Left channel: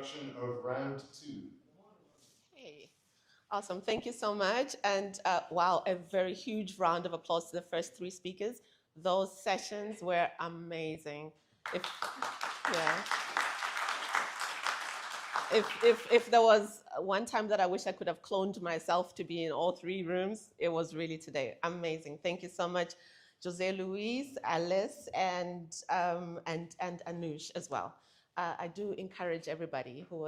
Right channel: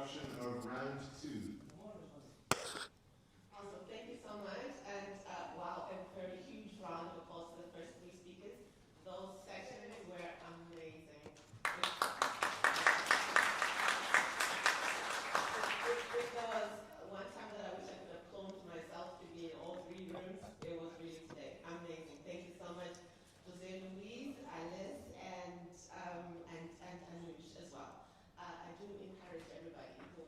introduction of round 2. Awesome, thank you so much. And wow, a very huge round of applause to the first 3 speakers. Those sessions were amazing. If there was one time that I wish I could have cloned myself to be in all 3 rooms, it was really today. Amazing. Thank you so much, Jose Luis, Alice, and Anush as well. I do encourage everybody who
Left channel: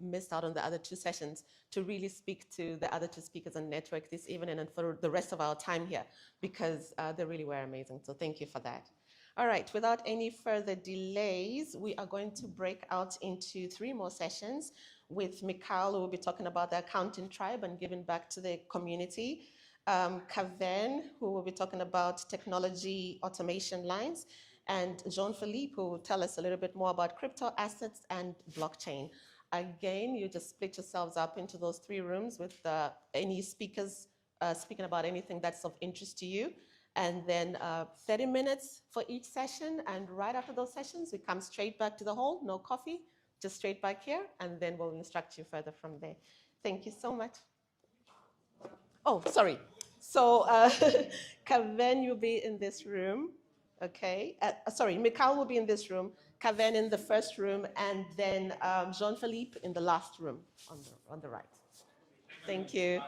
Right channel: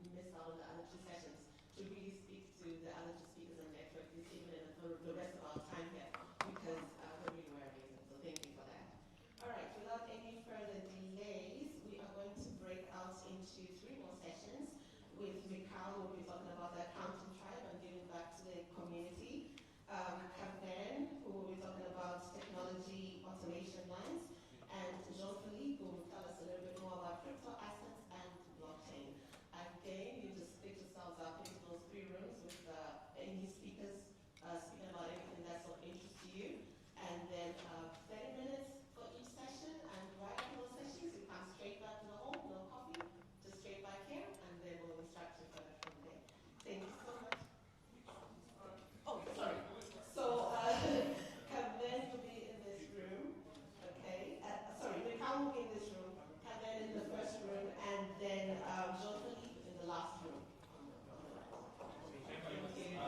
missed out on the other 2 sessions to really speak to the other 2 speakers on network this evening and for the rest of our time here, because they really were amazing. So thank you for that. All right, without any further delays, we are going to break out into 3 more sessions with Mikhail, who will be talking about the accounting tribe and giving back to the community. Kaven, who will be talking about technology automation lines, and Jean-Philippe, who will tell us a little bit more about crypto assets and blockchain. Again, you just split yourselves up into those 3 rooms with any speakers speaking about anything that's of interest to you. And then 30 minutes for each session, and right after those sessions, we come straight back to the hall, no coffee, just straight back here, and then we'll instruct you further from there. Thank you so much. Oh, sorry. So Kaven will be in this room, okay? Sorry, Mikhail will be in this room, Kaven in the first room, and then Jean-Philippe in the last room on the right. Thank you.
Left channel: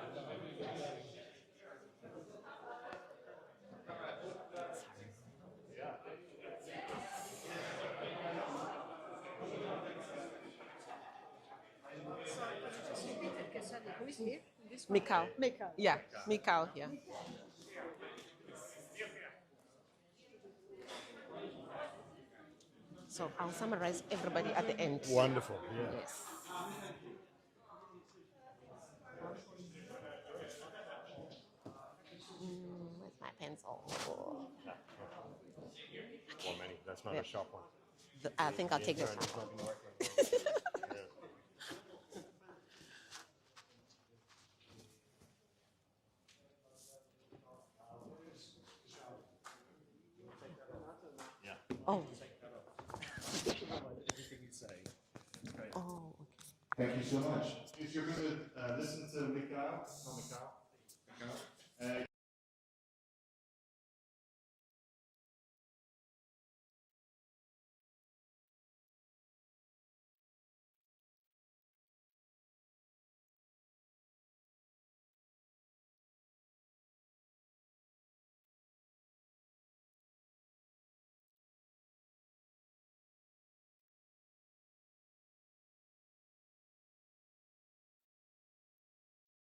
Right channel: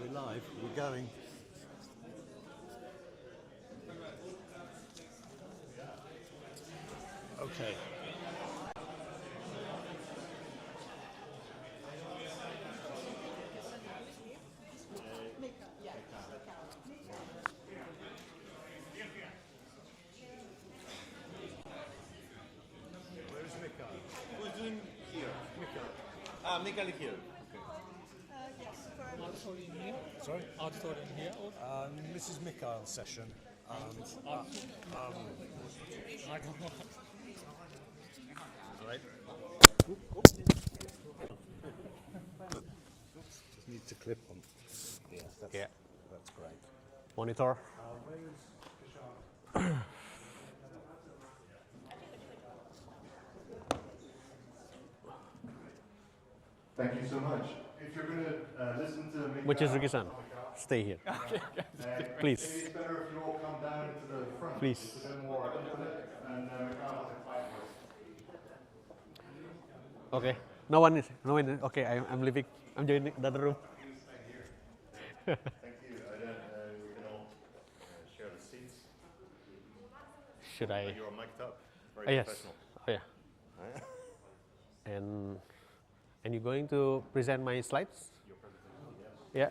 We're live, we're going. Okay. Mikhail. Yeah, Mikhail here. So I'll summarize everybody at the end. Wonderful. Mikhail here. Sorry? Auditorium here. Mrs. Mikhail's session. Hands on. That's not a shop one. I think I'll take your time. Need to clip them. Yeah. That's great. Monitor. Oh. Thank you so much. If you're going to listen to Mikhail, Which is Rikisan? Stay here. Please. maybe it's better if you all come down into the front. Please. It's a bit more intimate, and Mikhail has a quiet voice. Okay. No one is. Okay, I'm leaving. I'm joining the other room. Thank you. We can all share the seats. Should I? You're mic'd up. Oh, Very yes. professional. Oh yeah. And you're going to present my slides? Your presentation, yes. Yeah.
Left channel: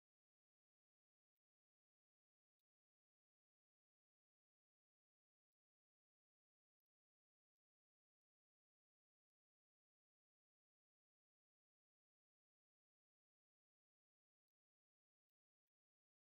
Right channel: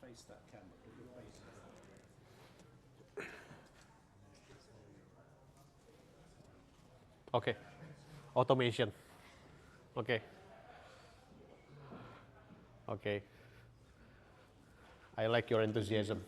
Face that camera. Okay. Automation. Okay. Okay. I like your enthusiasm.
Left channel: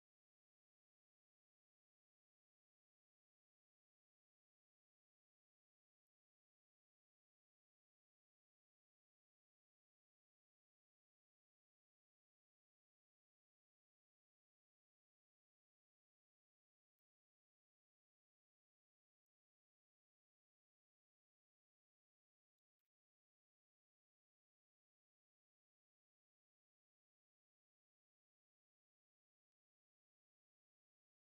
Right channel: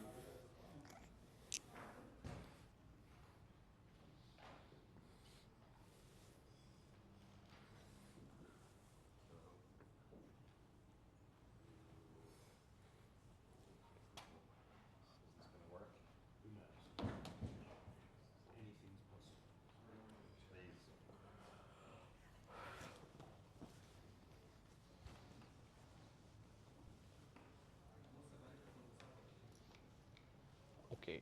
Okay.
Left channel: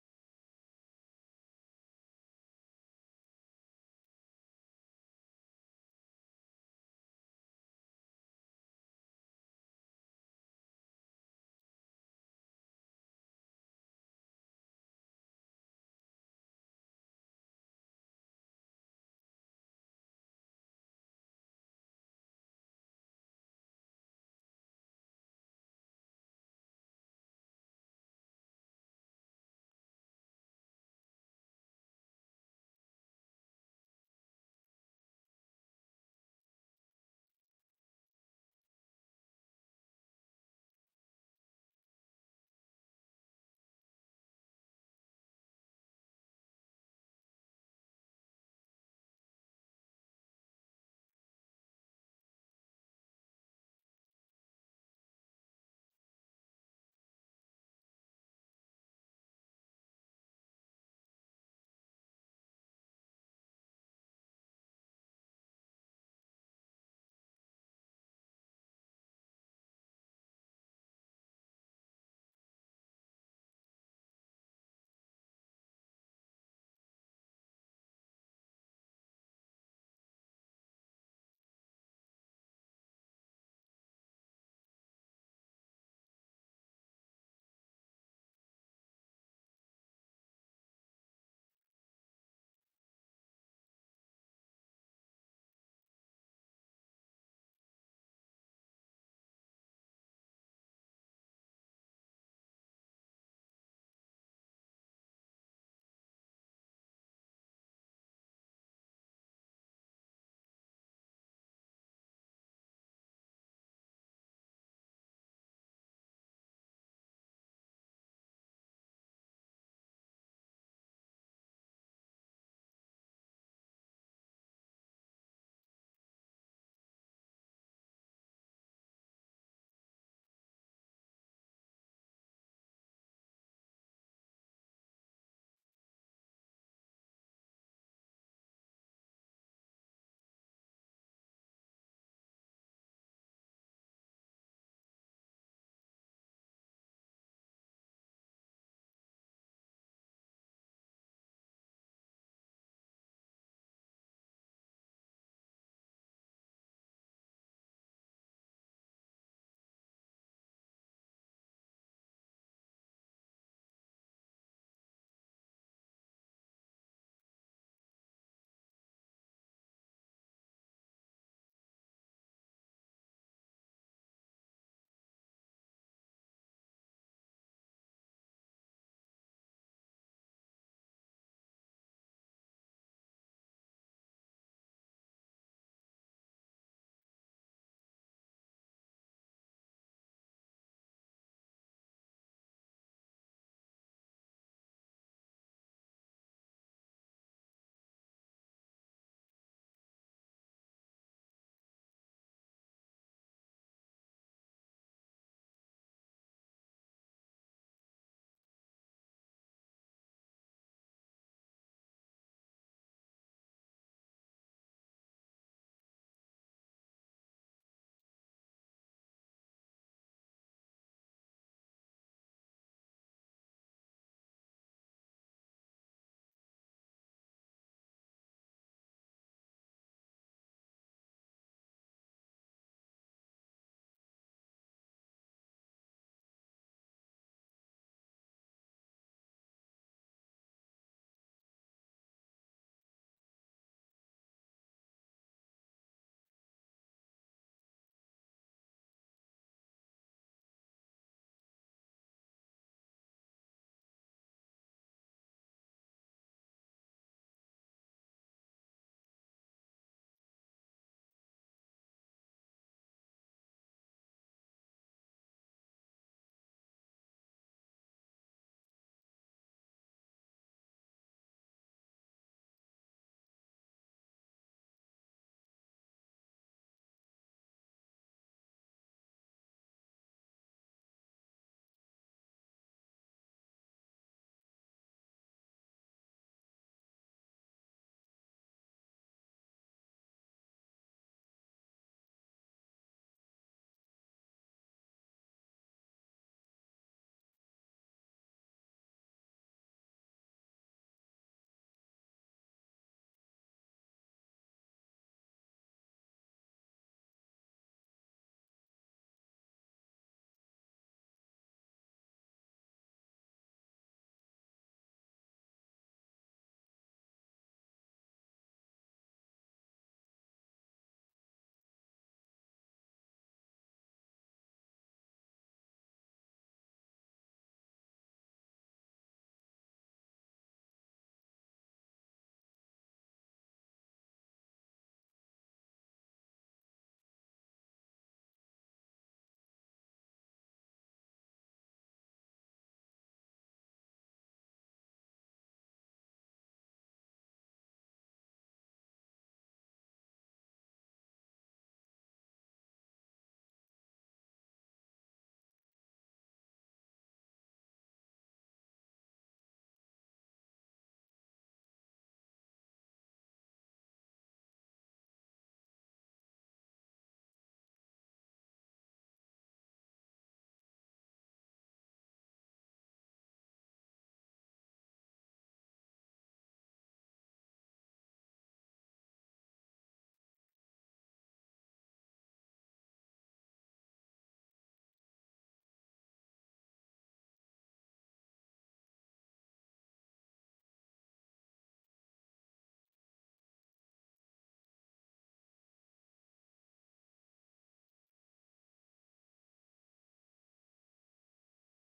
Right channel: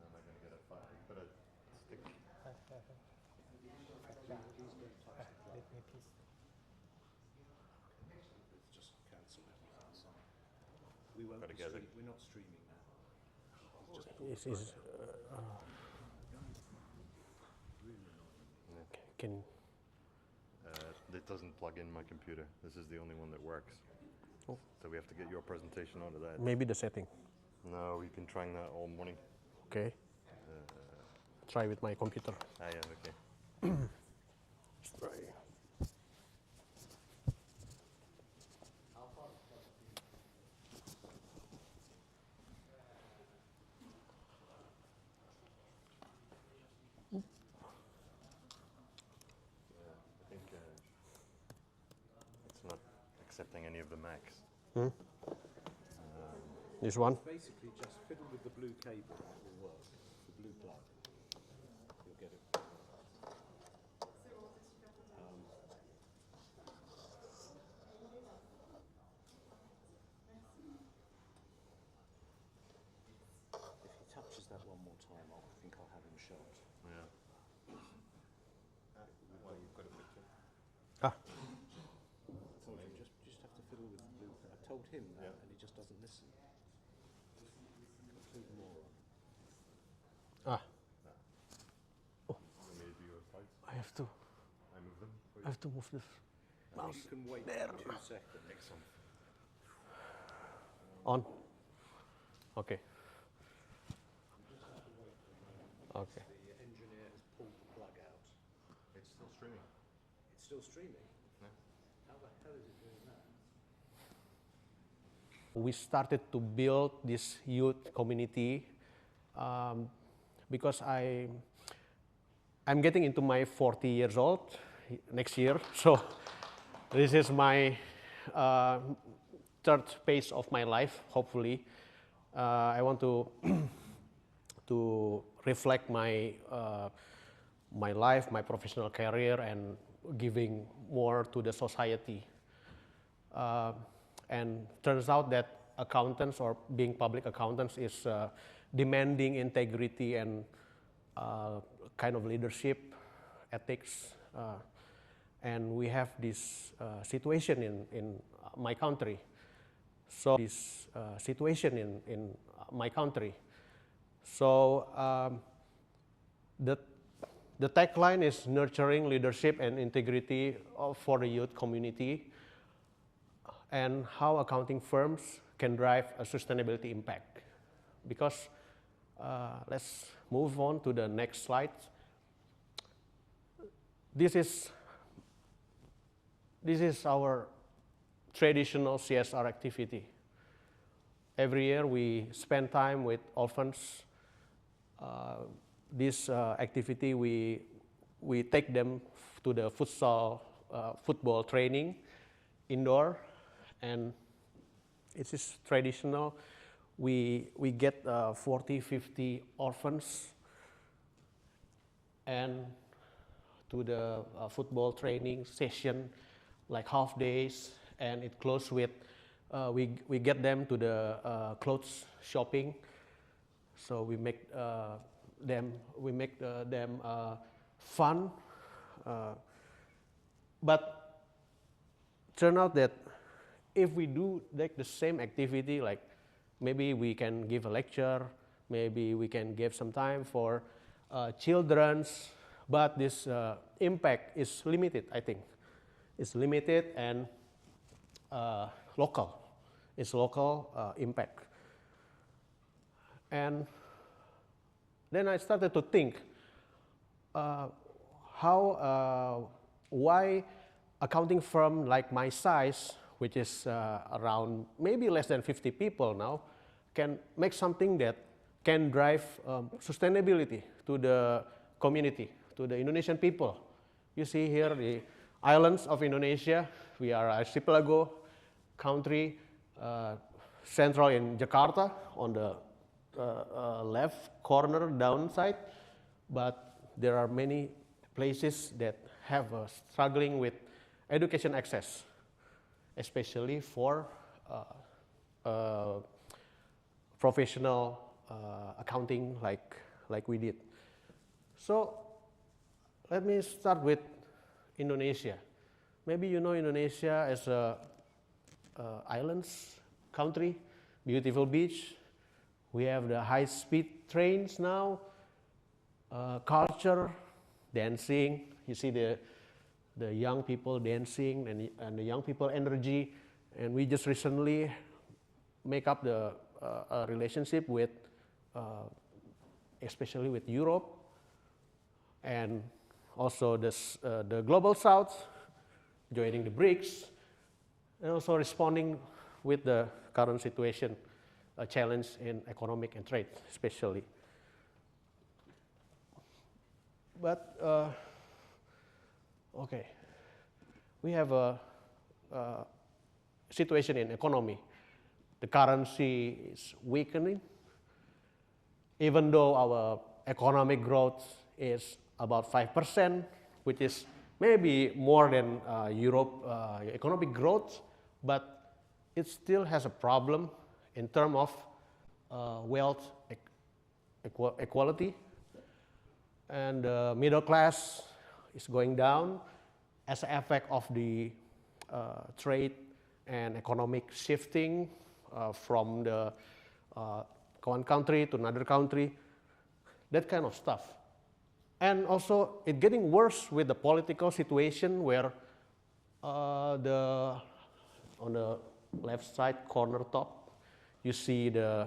Am I going to get a fire? You put a stick. It's just cancel everything. So we won't Gotta get it. we're not streaming now. Can It doesn't plug in my computer. This is the only one that works. Oh. So we have to get your presentation onto that. maybe the setting? No, we've been trying that all morning. Okay. Try with my computer. Yeah, okay. Try. accepting any of the Macs. This one. Basically, just fiddle with the blue cable and it will work. The blue plug. You'll get it. If he touches that one more time, I think I'll have him shot. Yeah. Well, you've got a picture. Ah, I told him just have to fiddle with the blue. I told him that, and he just doesn't listen. Complete moron. ah. You want me to do your slides? I have to. I move them for I have to move this mouse. You can wait There. 2 seconds. Excellent. On. Okay. Okay. The engineer has pulled the plug out. It's still streaming. It's still streaming. Yeah. How the hell is it doing that? We started to build this youth community because I'm getting into my 40 years old next year, so this is my third phase of my life. Hopefully, I want to to reflect my my life, my professional career, and giving more to the society. And turns out that accountants or being public accountants is demanding integrity and kind of leadership, ethics, and we have this situation in my country. So this situation in my country. So the tagline is nurturing leadership and integrity for the youth community, and how accounting firms can drive a sustainability impact. Because let's move on to the next slide. This is our traditional CSR activity. Every year we spend time with orphans. This activity we take them to the football training indoor, and it is traditional. We get 40, 50 orphans and to the football training session, like half days, and it closes with we get them to the clothes shopping. So we make them fun, but turn out that if we do like the same activity, like maybe we can give a lecture, maybe we can give some time for children's, but this impact is limited, I think. It's limited and local. It's local impact. And then I started to think why accounting firm like my size, which is around maybe less than 50 people now, can make something that can drive sustainability to the community, to the Indonesian people. You see here the islands of Indonesia. We are an archipelago country, central in Jakarta on the left corner downside, but there are many places that have struggling with education access, especially for professional accounting like we did. So let me start with Indonesia. Maybe you know Indonesia as a islands country, beautiful beach. We have the high-speed trains now, culture, dancing. You see the young people dancing and the young people energy. And we just recently make up the relationship with, especially with Europe, and also the Global South, joining the BRICS, and also responding with the current situation, a challenge in economic and trade, especially. But okay, we have situation in economy. The currency is weakening, even though our economic growth is about 5%, which is maybe more than Europe economic growth, but it still has a problem in terms of wealth equality, and the middle class is going down as an effect of the trade and economic shifting from the one country to another country, that kind of stuff. And also, it's getting worse with the political situation where on the left side corner top, you see the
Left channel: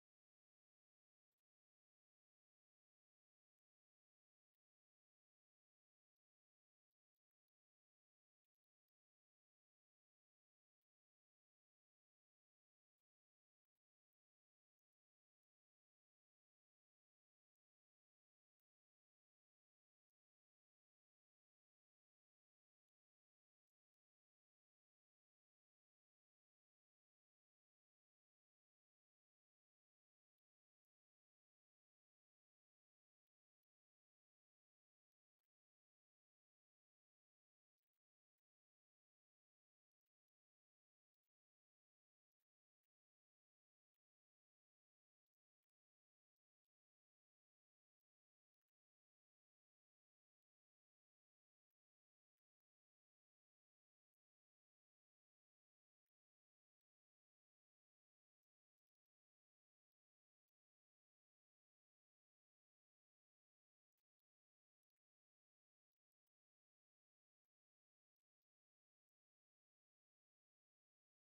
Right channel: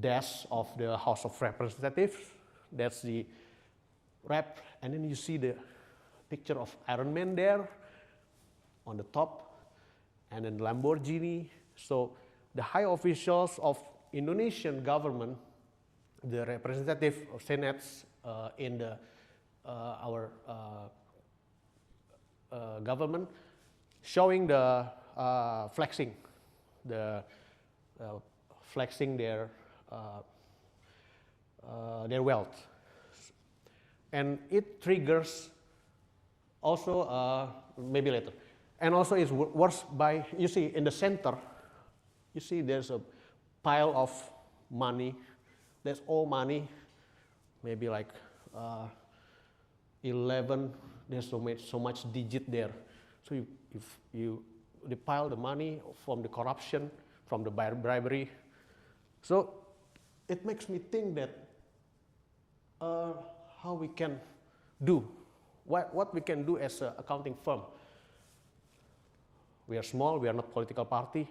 desk of the House of Representatives. That's the rep, and then you see the picture of Iron Man there on the top, and then Lamborghini. So the high officials of Indonesian government, the representative or senates in the our government, showing the flexing their wealth, and it triggers also maybe later, and also it's worse by, you see in the center, you see there's a pile of money. That's all money, maybe like 11. There's so much digit there. So they pile the money from the corruption, from the bribery. So it makes me think that how we can do, what we can do as an accounting firm. We are small, we are not political party,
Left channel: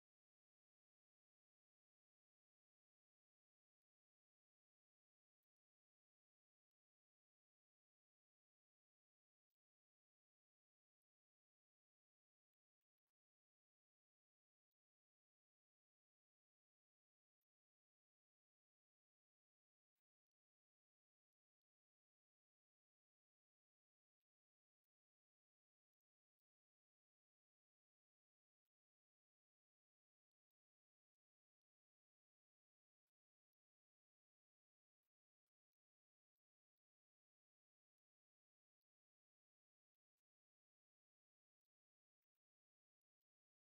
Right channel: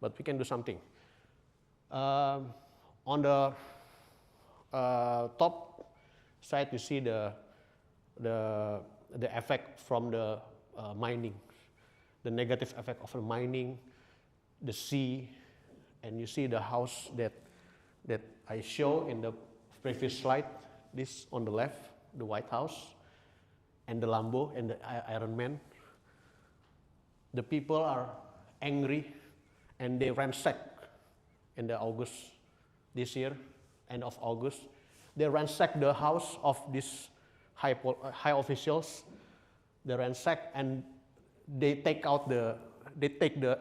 but we can do something. On the top side, you see the effect from the mining, the negative effect of the mining, the sea, and you see the house that I show in the previous slide. This on the left, the White House, and the Lambo and the Iron Man. The people are angry, and they ransack in the August this year, end of August. They ransack the house of these high officials. They ransack and they take the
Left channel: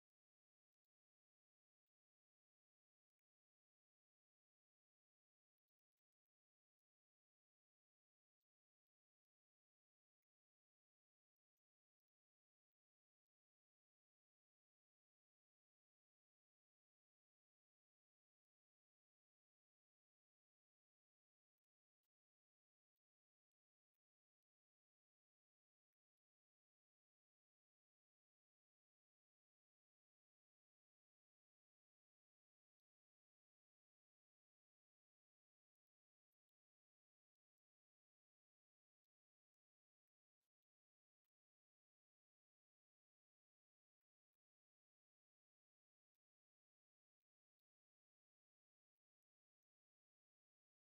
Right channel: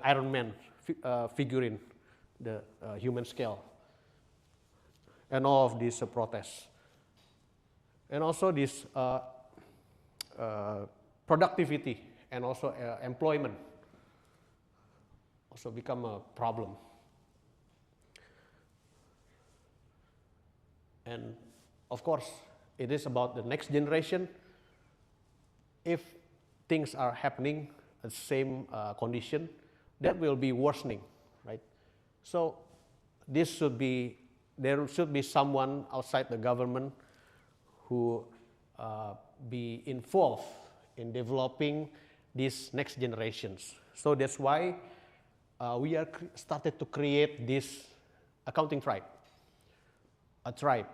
Iron Man figurine, the human scale, and all of these protests. And also this productivity and also employment also become a problem. And of course, it is about the next generation. If things are happening at the same condition, that will be worsening, right? So there should be someone outside the government who be involved in developing these next generations. So that's why we are started to create this accounting tribe, a tribe.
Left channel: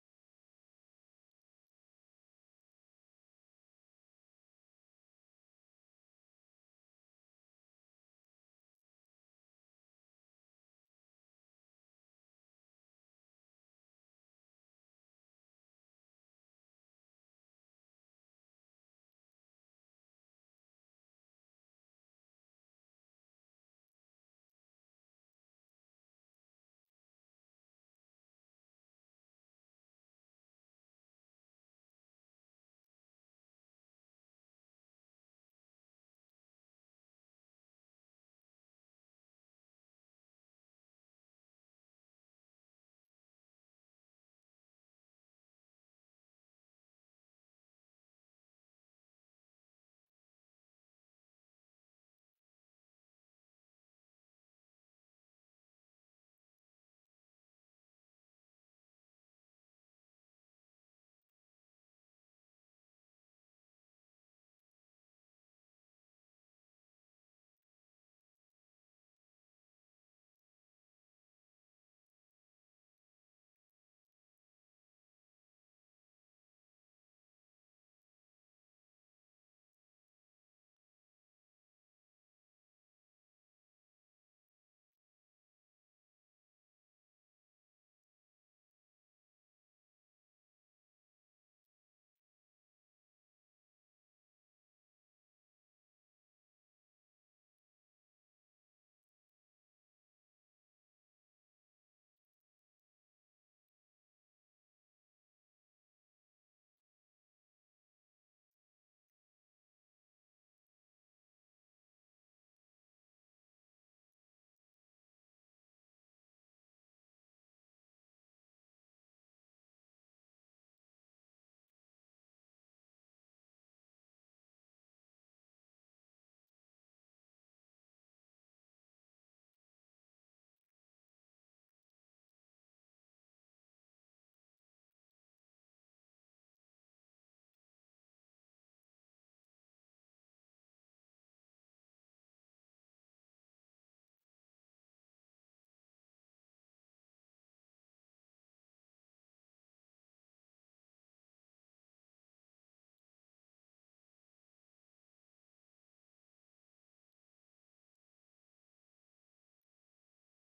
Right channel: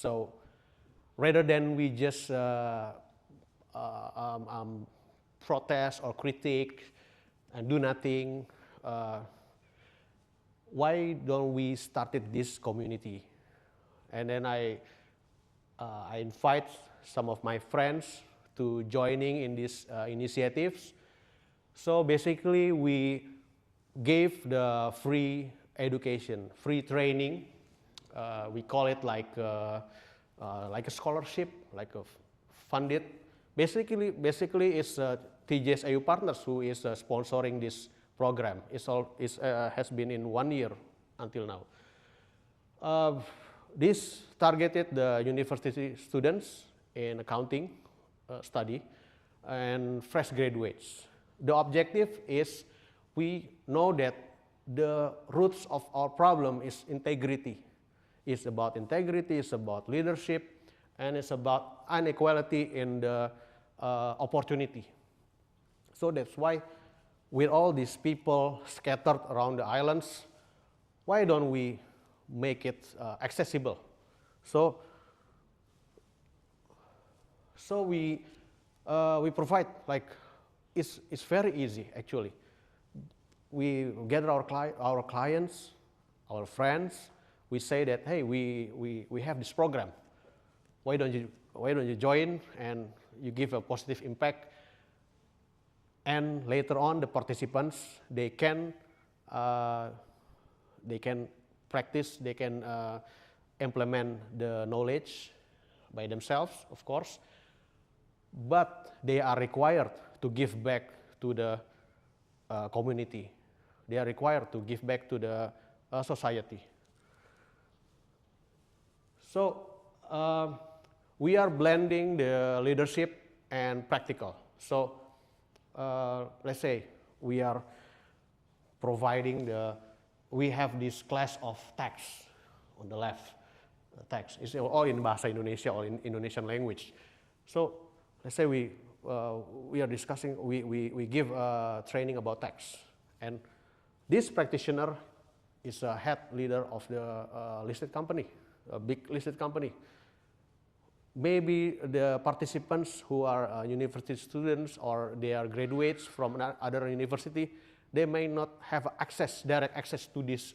So rather than we just protest or critique and do nothing, why don't we started this community? And then I invite some of my friends to joining in these initiatives. So basically, we gave the free education, free training. We call it like a scholarship, like a funded. Basically, it's TGS EU Partners who is sponsoring this program. Has been in 1 year until now. This targeted the university students in accounting study and fresh graduates. The objective is, we know that the roots of our problem is integrity. It's about integrity, it's about leadership, and it's about inequality in the opportunity. So that's why, with all these people scattered around the islands, why don't we make it accessible? So we provide, like, it's very easy actually. we gather our clients, our friends. We say that, hey, we have this program. Why don't you join and you give a positive impact? And later on, the participants, they can practice, they can implement the knowledge by themselves, of course, but they are required to give back to the community. They are required to give back to the society. So we are blending the leadership and practical. So let's say we are providing we have this class of text on the left. Text is all in Bahasa Indonesia or in Indonesian language. So let's say we are discussing, we give training about text. And this practitioner is a head leader of the listed company, a big listed company. Maybe the participants who are university students or they are graduates from other university, they may not have direct access to this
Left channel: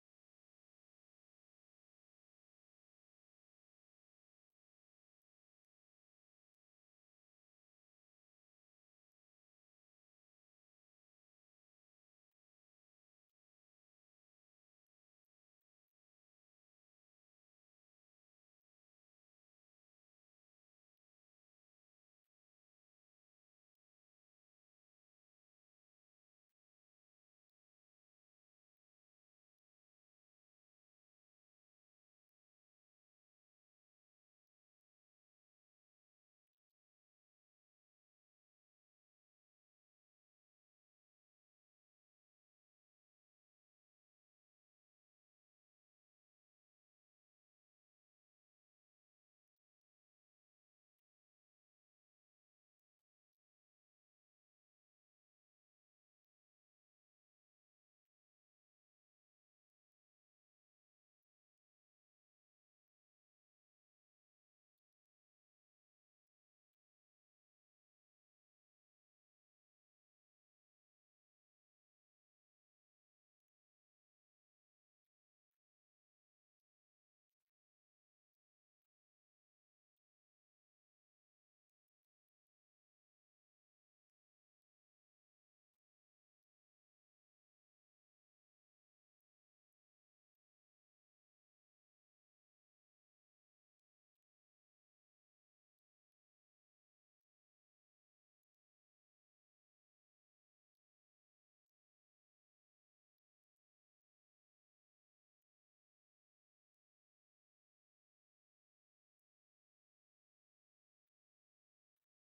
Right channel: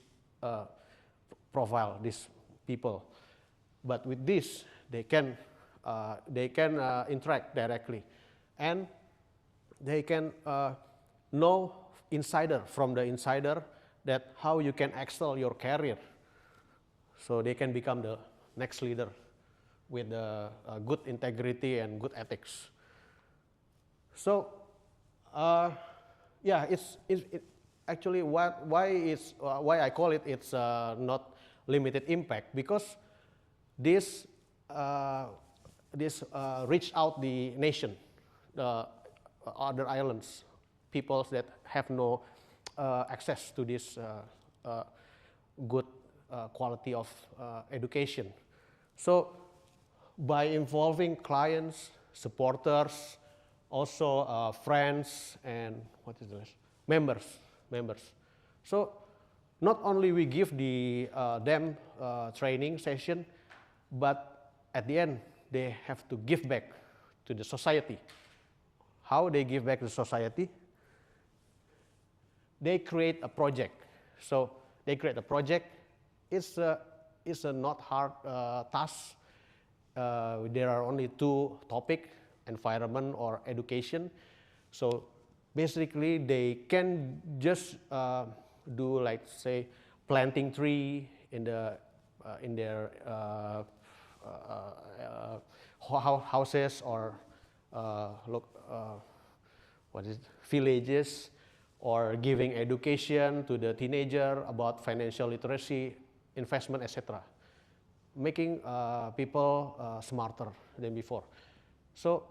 profile, these people. But with this, they can interact directly, and they can know from the insider that how you can excel your career, so they can become the next leader with good integrity and good ethics. So, yeah, it's actually why I call it it's not limited impact, because this reach out the nation, the other islands, peoples that have no access to this good quality of education. So by involving clients, supporters, also friends, and what is this? Members. So not only we give them training session, but at the end they have to give back to the society. How they give back to society? They create a project. So they create a project. It's a not hard task. There are only two topics: environment or education. So basically, they can just do, like, say, planting tree in their houses or villages, or giving education to the teenager about financial literacy, investment, etc. Making people smarter than before. So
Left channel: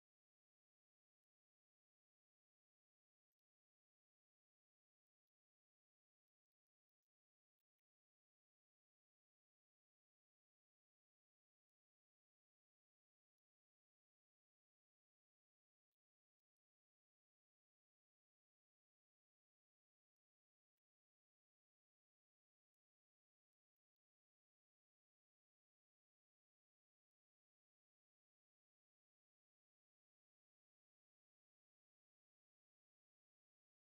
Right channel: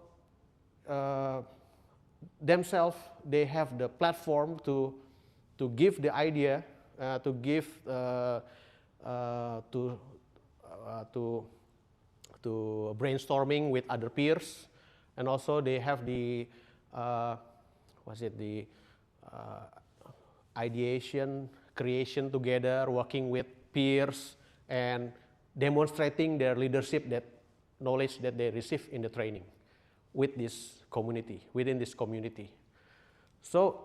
themselves, they have the platform to give the idea, to give to brainstorming with other peers, and also they have the ideation, creation together, working with peers, and demonstrating their leadership, that knowledge that they receive in the training with this community, within this community. So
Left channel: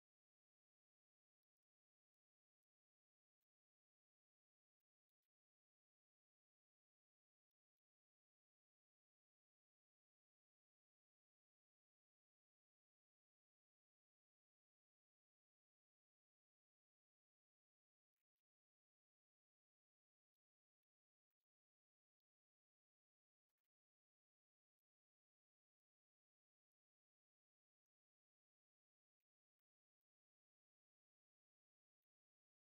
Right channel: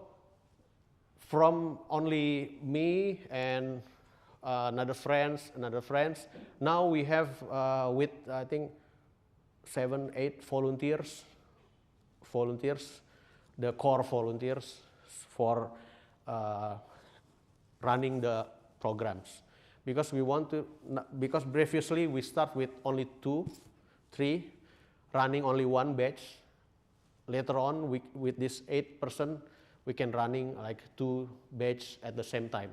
from only me and another friends, now we have with, I think, 7, 8 volunteers, the core volunteers for running the programs. Because we want to, because previously we start with only 2, 3, running only one batch. Later on, with this 8%, we can running like 2 batch at the same time.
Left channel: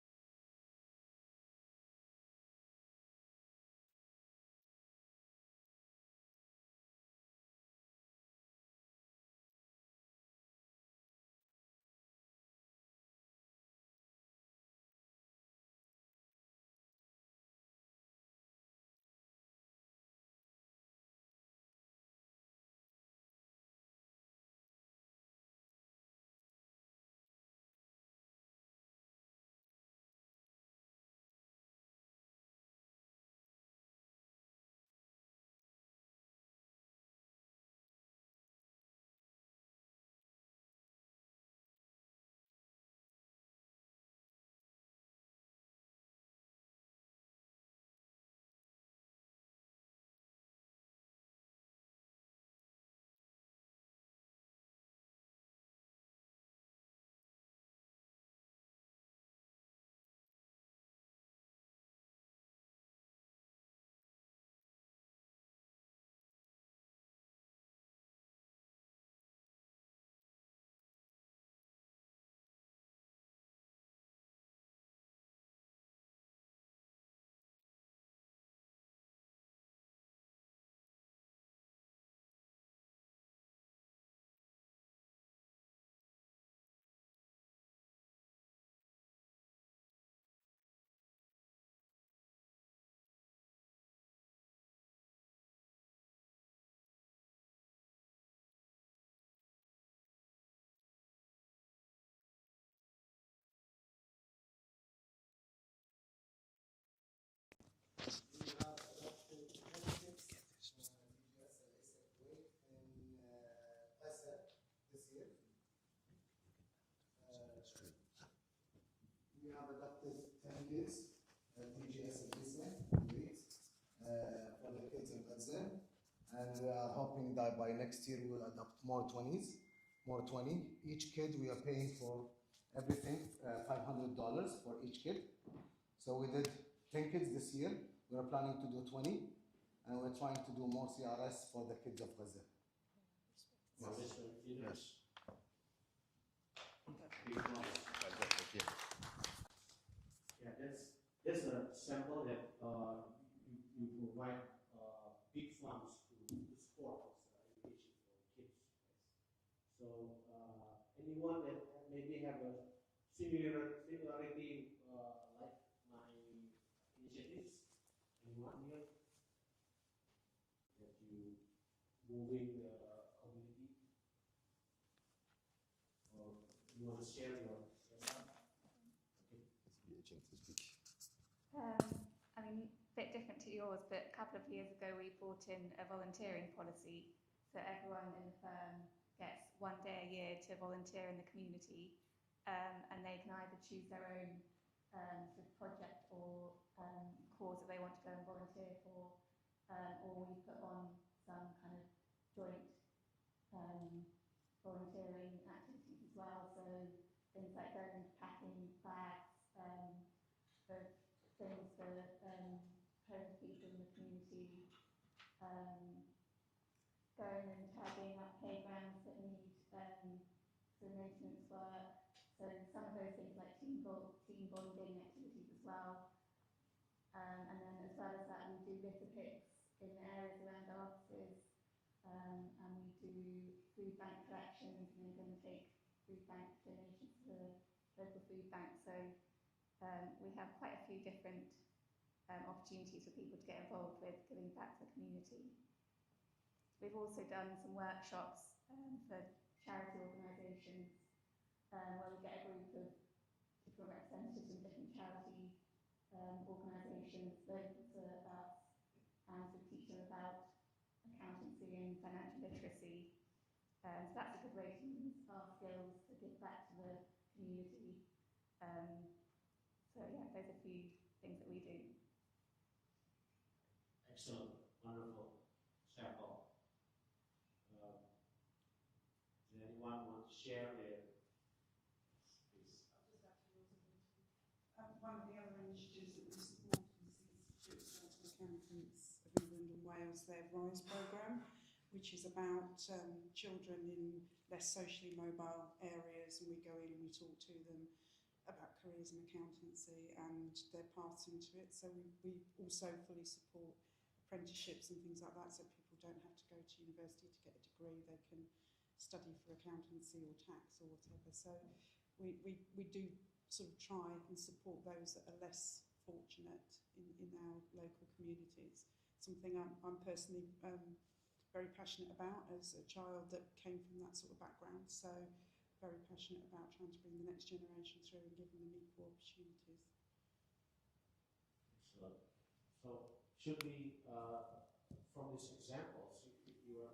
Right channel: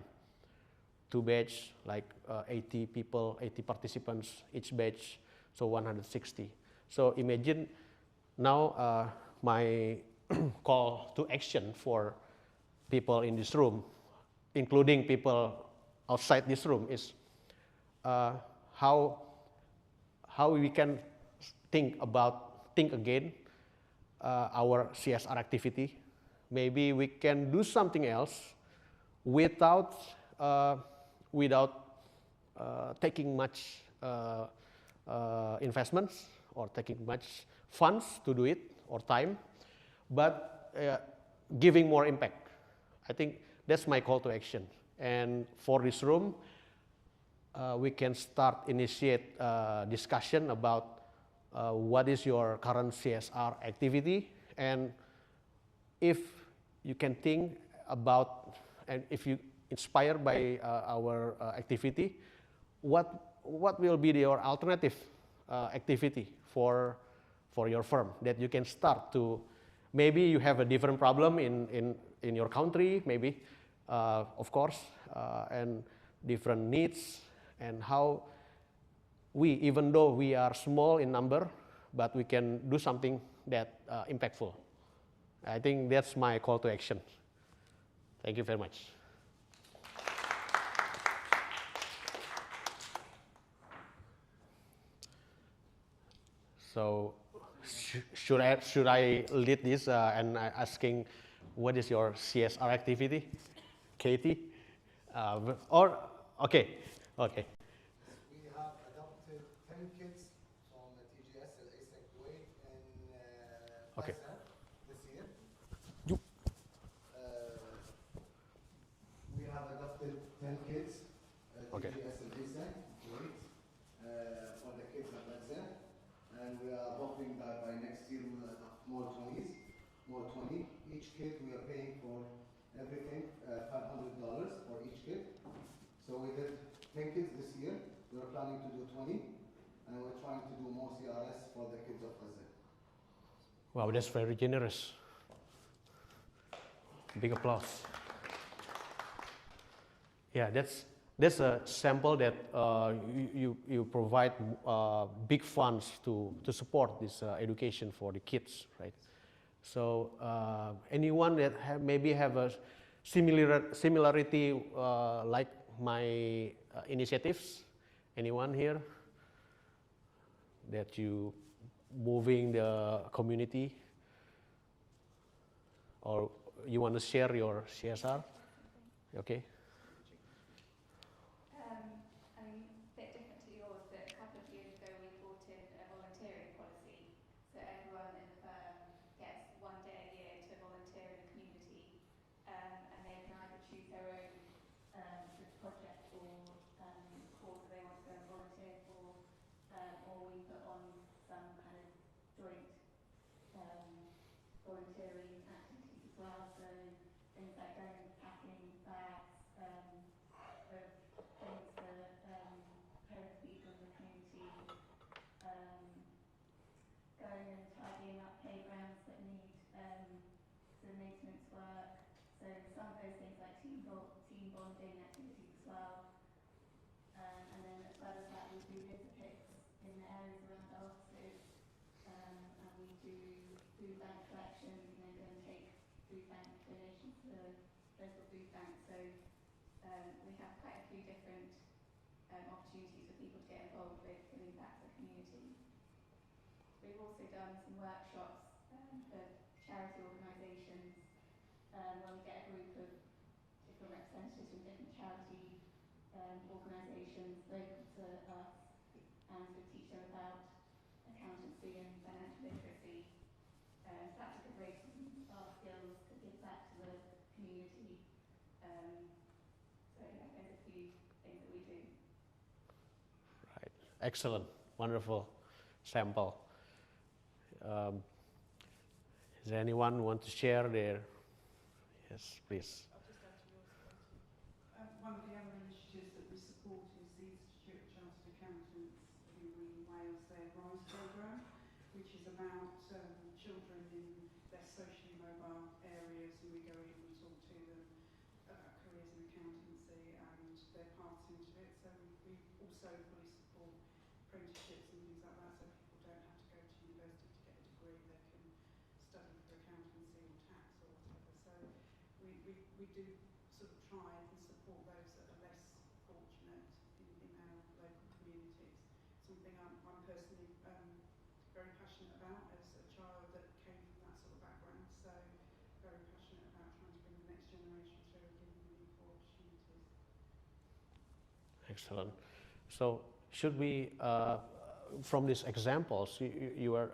2 batch, like 80 people, 80 participants each batch, so 160. So imagine now my call to action for people in this room, including people outside this room, is how we can think again our CSR activity. Maybe we can do something else without taking much investments or taking much funds to do it, or time, but giving more impact. I think That's my call to action. And for this room, we can start initiate discussion about what is your current CSR activity, and if you can think about, and if you inspired by our activity, what will be your alternative activity for your firm that you can start to, maybe you have a different problem in your country, maybe, of course, and different needs, and how we, even though we are small in number, but we can do something that impactful. I think that's my call to action. Thank you very much. So, should I lead this and asking what is your CSR activity, Katie? Or okay. We have adopted 10 kids from the TGS and ASEC Kuwait in Okay. Faisal this year. You. We have adopted 10 kids at Okay. TGS and ASEC Kuwait for the kids in Faisal. And we are hoping that by next year we will adopt more 20s, more 20. Each kid we are paying for everything, $500 for each kid. So we did 10 kids this year. We're planning to do 20, and we're trying to do more CRS for the kids of Gaza. Wow, that's very generous. Big applause. Yeah, that's a sample that you provide big funds to support this education for the kids, right? So anyone that maybe have a similarity like my initiatives, anyone here that you moving the community, or you want to share your CSR? Okay. I mean, a bit different to yours, but a couple of years ago we brought in a volunteering policy, so everyone in the firm gets 1 day a year to volunteer in the community, and they can either choose their own sort of project or cause that they want to go and volunteer for, or we put on some kind of joint volunteering activities as well, so things like going packing bags of things that homeless people in the community, going and tidying up playgrounds that need some maintenance work. So some of those things like team bonding activities as well. And then as well as that, we do litter picks in the areas around our offices, and we do food bank collections, and then go and take food bank donations to the local food bank. So we have quite a few different opportunities for people to get involved with giving back to the community. We've also done some workshops for charity organisations where we get a group of different representatives from different charity organisations local to us, and we teach them about accountancy and financial literacy. So that's a good way to use our skills to give back to the community. So yeah, those are a few things that we do. Right. Excellent. Wonderful sample. Is there anyone who want to share their? Yes, please. I'll just add to yours. One of the other initiatives that we support is the Institute of Chartered Accountants who in Wales, their RISE programme, which is about children in less socially mobile areas, and we go in and we talk to them about careers in accountancy and their paths into it. So we also fully support apprenticeships and things like that, so people don't have to go to university to get a degree, they can study for accountancy or tax or whatever. So we do sort of try and support those that are less fortunate in our local communities. Something I'm personally very passionate about as a child that came from that sort of background, so very passionate about trying to bring the next generation through and give them equal opportunities. Excellent. So should we, from these examples, you are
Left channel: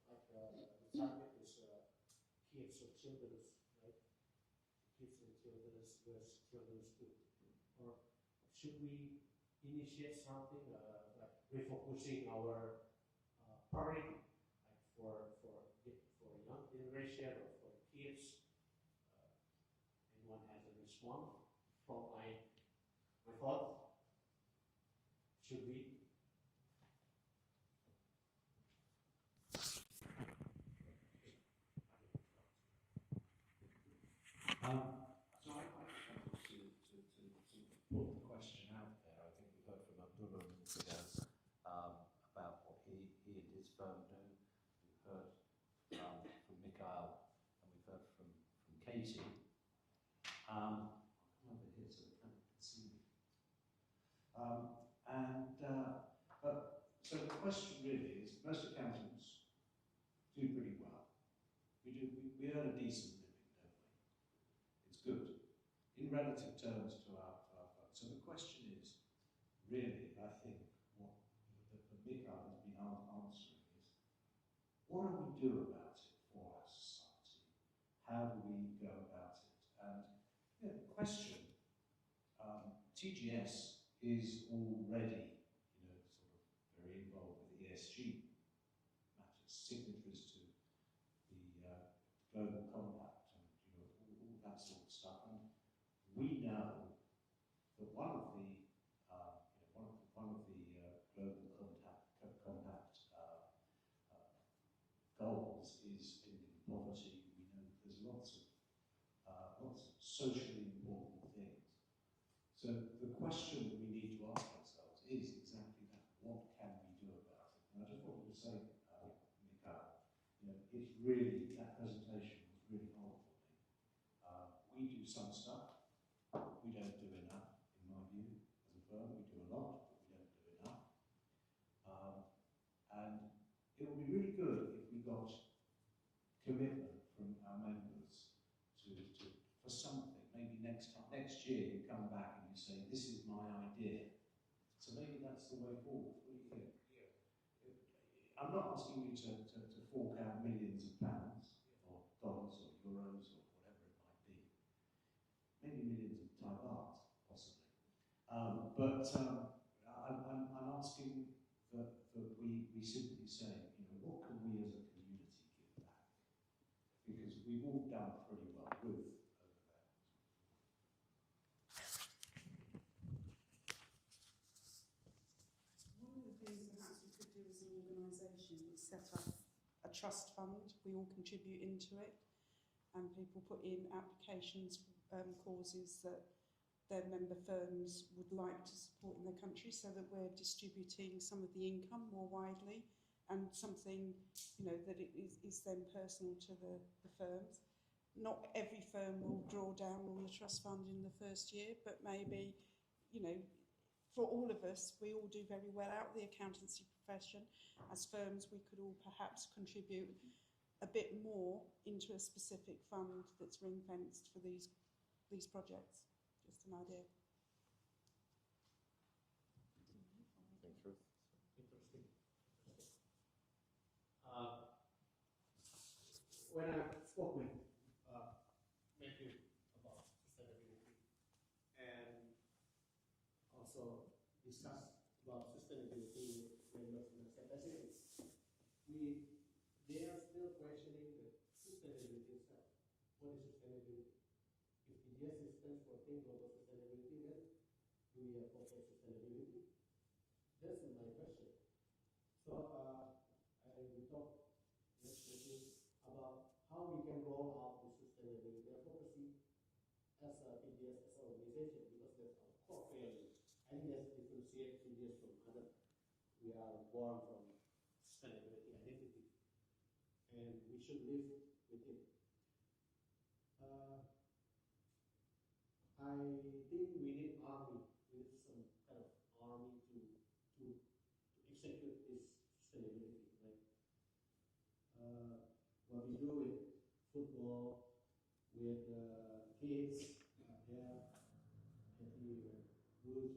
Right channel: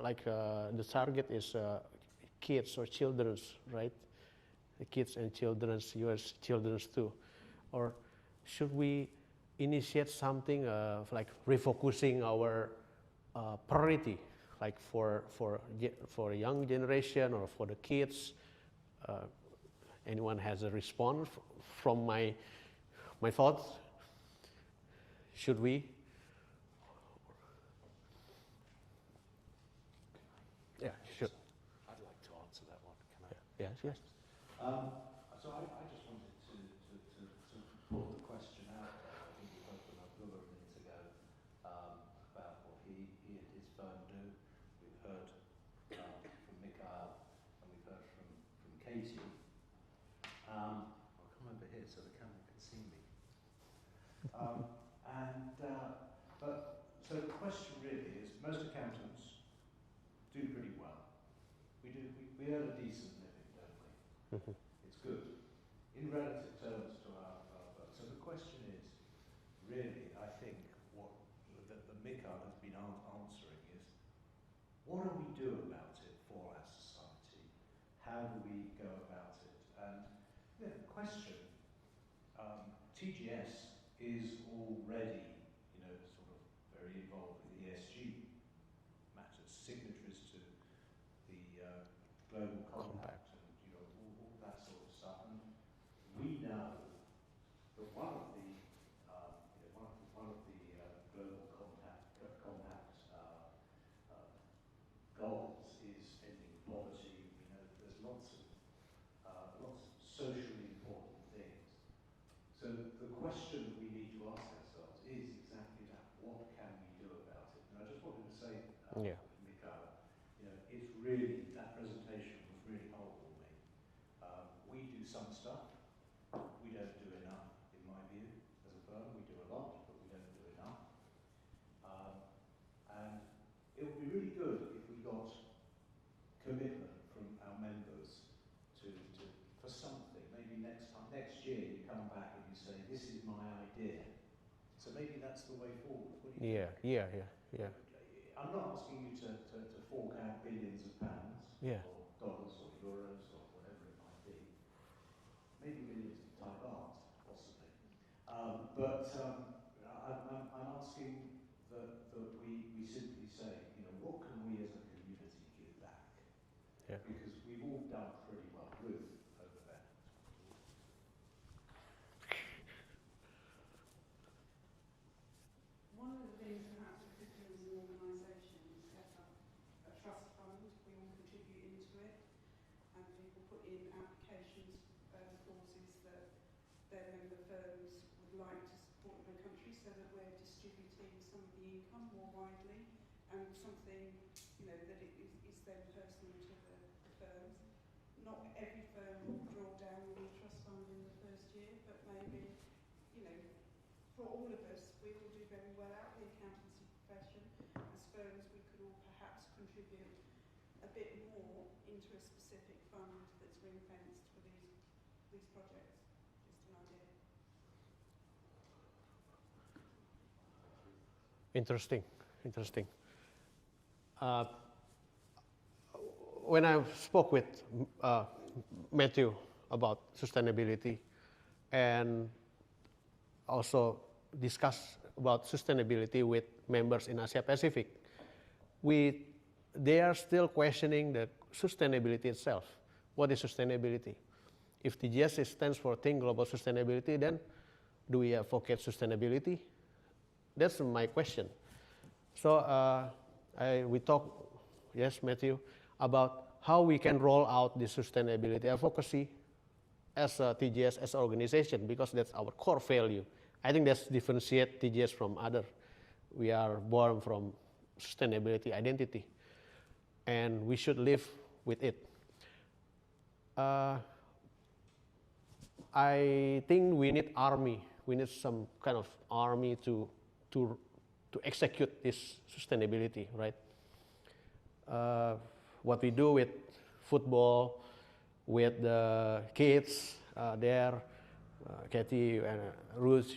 like the target is kids or children, right? the kids and children's, yours children's too? Or should we initiate something like refocusing our priority, like for young generation or for the kids? Anyone has a response from my thoughts? Should we? Yeah, should. I'd like to answer that one. Can I? Yes, yes. So I just wanted to put the question out there. I think we heard from Abdullah a minute ago about what he and his firm do. We've heard from Mikhail and we've heard from Katie. I'll come over here so the camera can see me. But so the question really is, most accountants do pretty well. We earn a decent living, don't we? Mhm. It's good in relative terms to our work. So the question is, really, I think what the Mikhail has been answering is, what do we do about it for our society? How do we go about it? And the question, TGS is already, sort of very involved with ESG matters, signatories to the Global Compact and all that sort of stuff. And we know that one of the Global Compact goals is ending poverty. We know that there's lots of socially important things. So the question that we need to ask ourselves is exactly that: what can we do about it? And I just wanted to say, Yeah. Mikhail, it's really, that presentation was really helpful me. We do some stuff. We don't do enough, in my view, as a firm. We do a lot, but we don't do enough. And it would be really good if we got commitment from our members for something. Maybe next year you come back and you say, this is my idea. So maybe that's the way forward. What do you think? Yeah. I'm not asking you to fork out millions of pounds Yeah. or dollars or euros or whatever it might be. Maybe millions of Thai baht, possibly. But I'm asking that we simply say, what can we as a community give back? Yeah. Because we've all done pretty well with over there. One of the things perhaps we could do as an organisation is set up a trust fund. We all contribute into it, and people put in applications, clauses that their member firms would like to support in the country, so that we're distributing some of the income more widely, and something that it is then personal to the firms. Not every firm will draw down on the trust fund in the first year, but maybe for all of us, we all do very well out of the accountancy profession. As firms, we could all perhaps contribute a bit more into a specific fund that's ring-fenced for these projects. Just an idea. Interesting. When I spoke with Matthew about sustainability and also discussed about sustainability with members in Asia Pacific, they are still questioning the sustainability itself. What is sustainability? If TGS stands for Think Global Sustainability, then do we advocate sustainability? That's my question. So we talk, yes, Matthew, about how we can roll out this sustainability advocacy as a TGS, as an organization, because that's our core value. I think that's differentiate TGS from other. We are born from sustainability identity, and we should live with it. I think we need army. We need some kind of army to execute this sustainability, right? What we do with football, with the kids there, Katie and Ruth,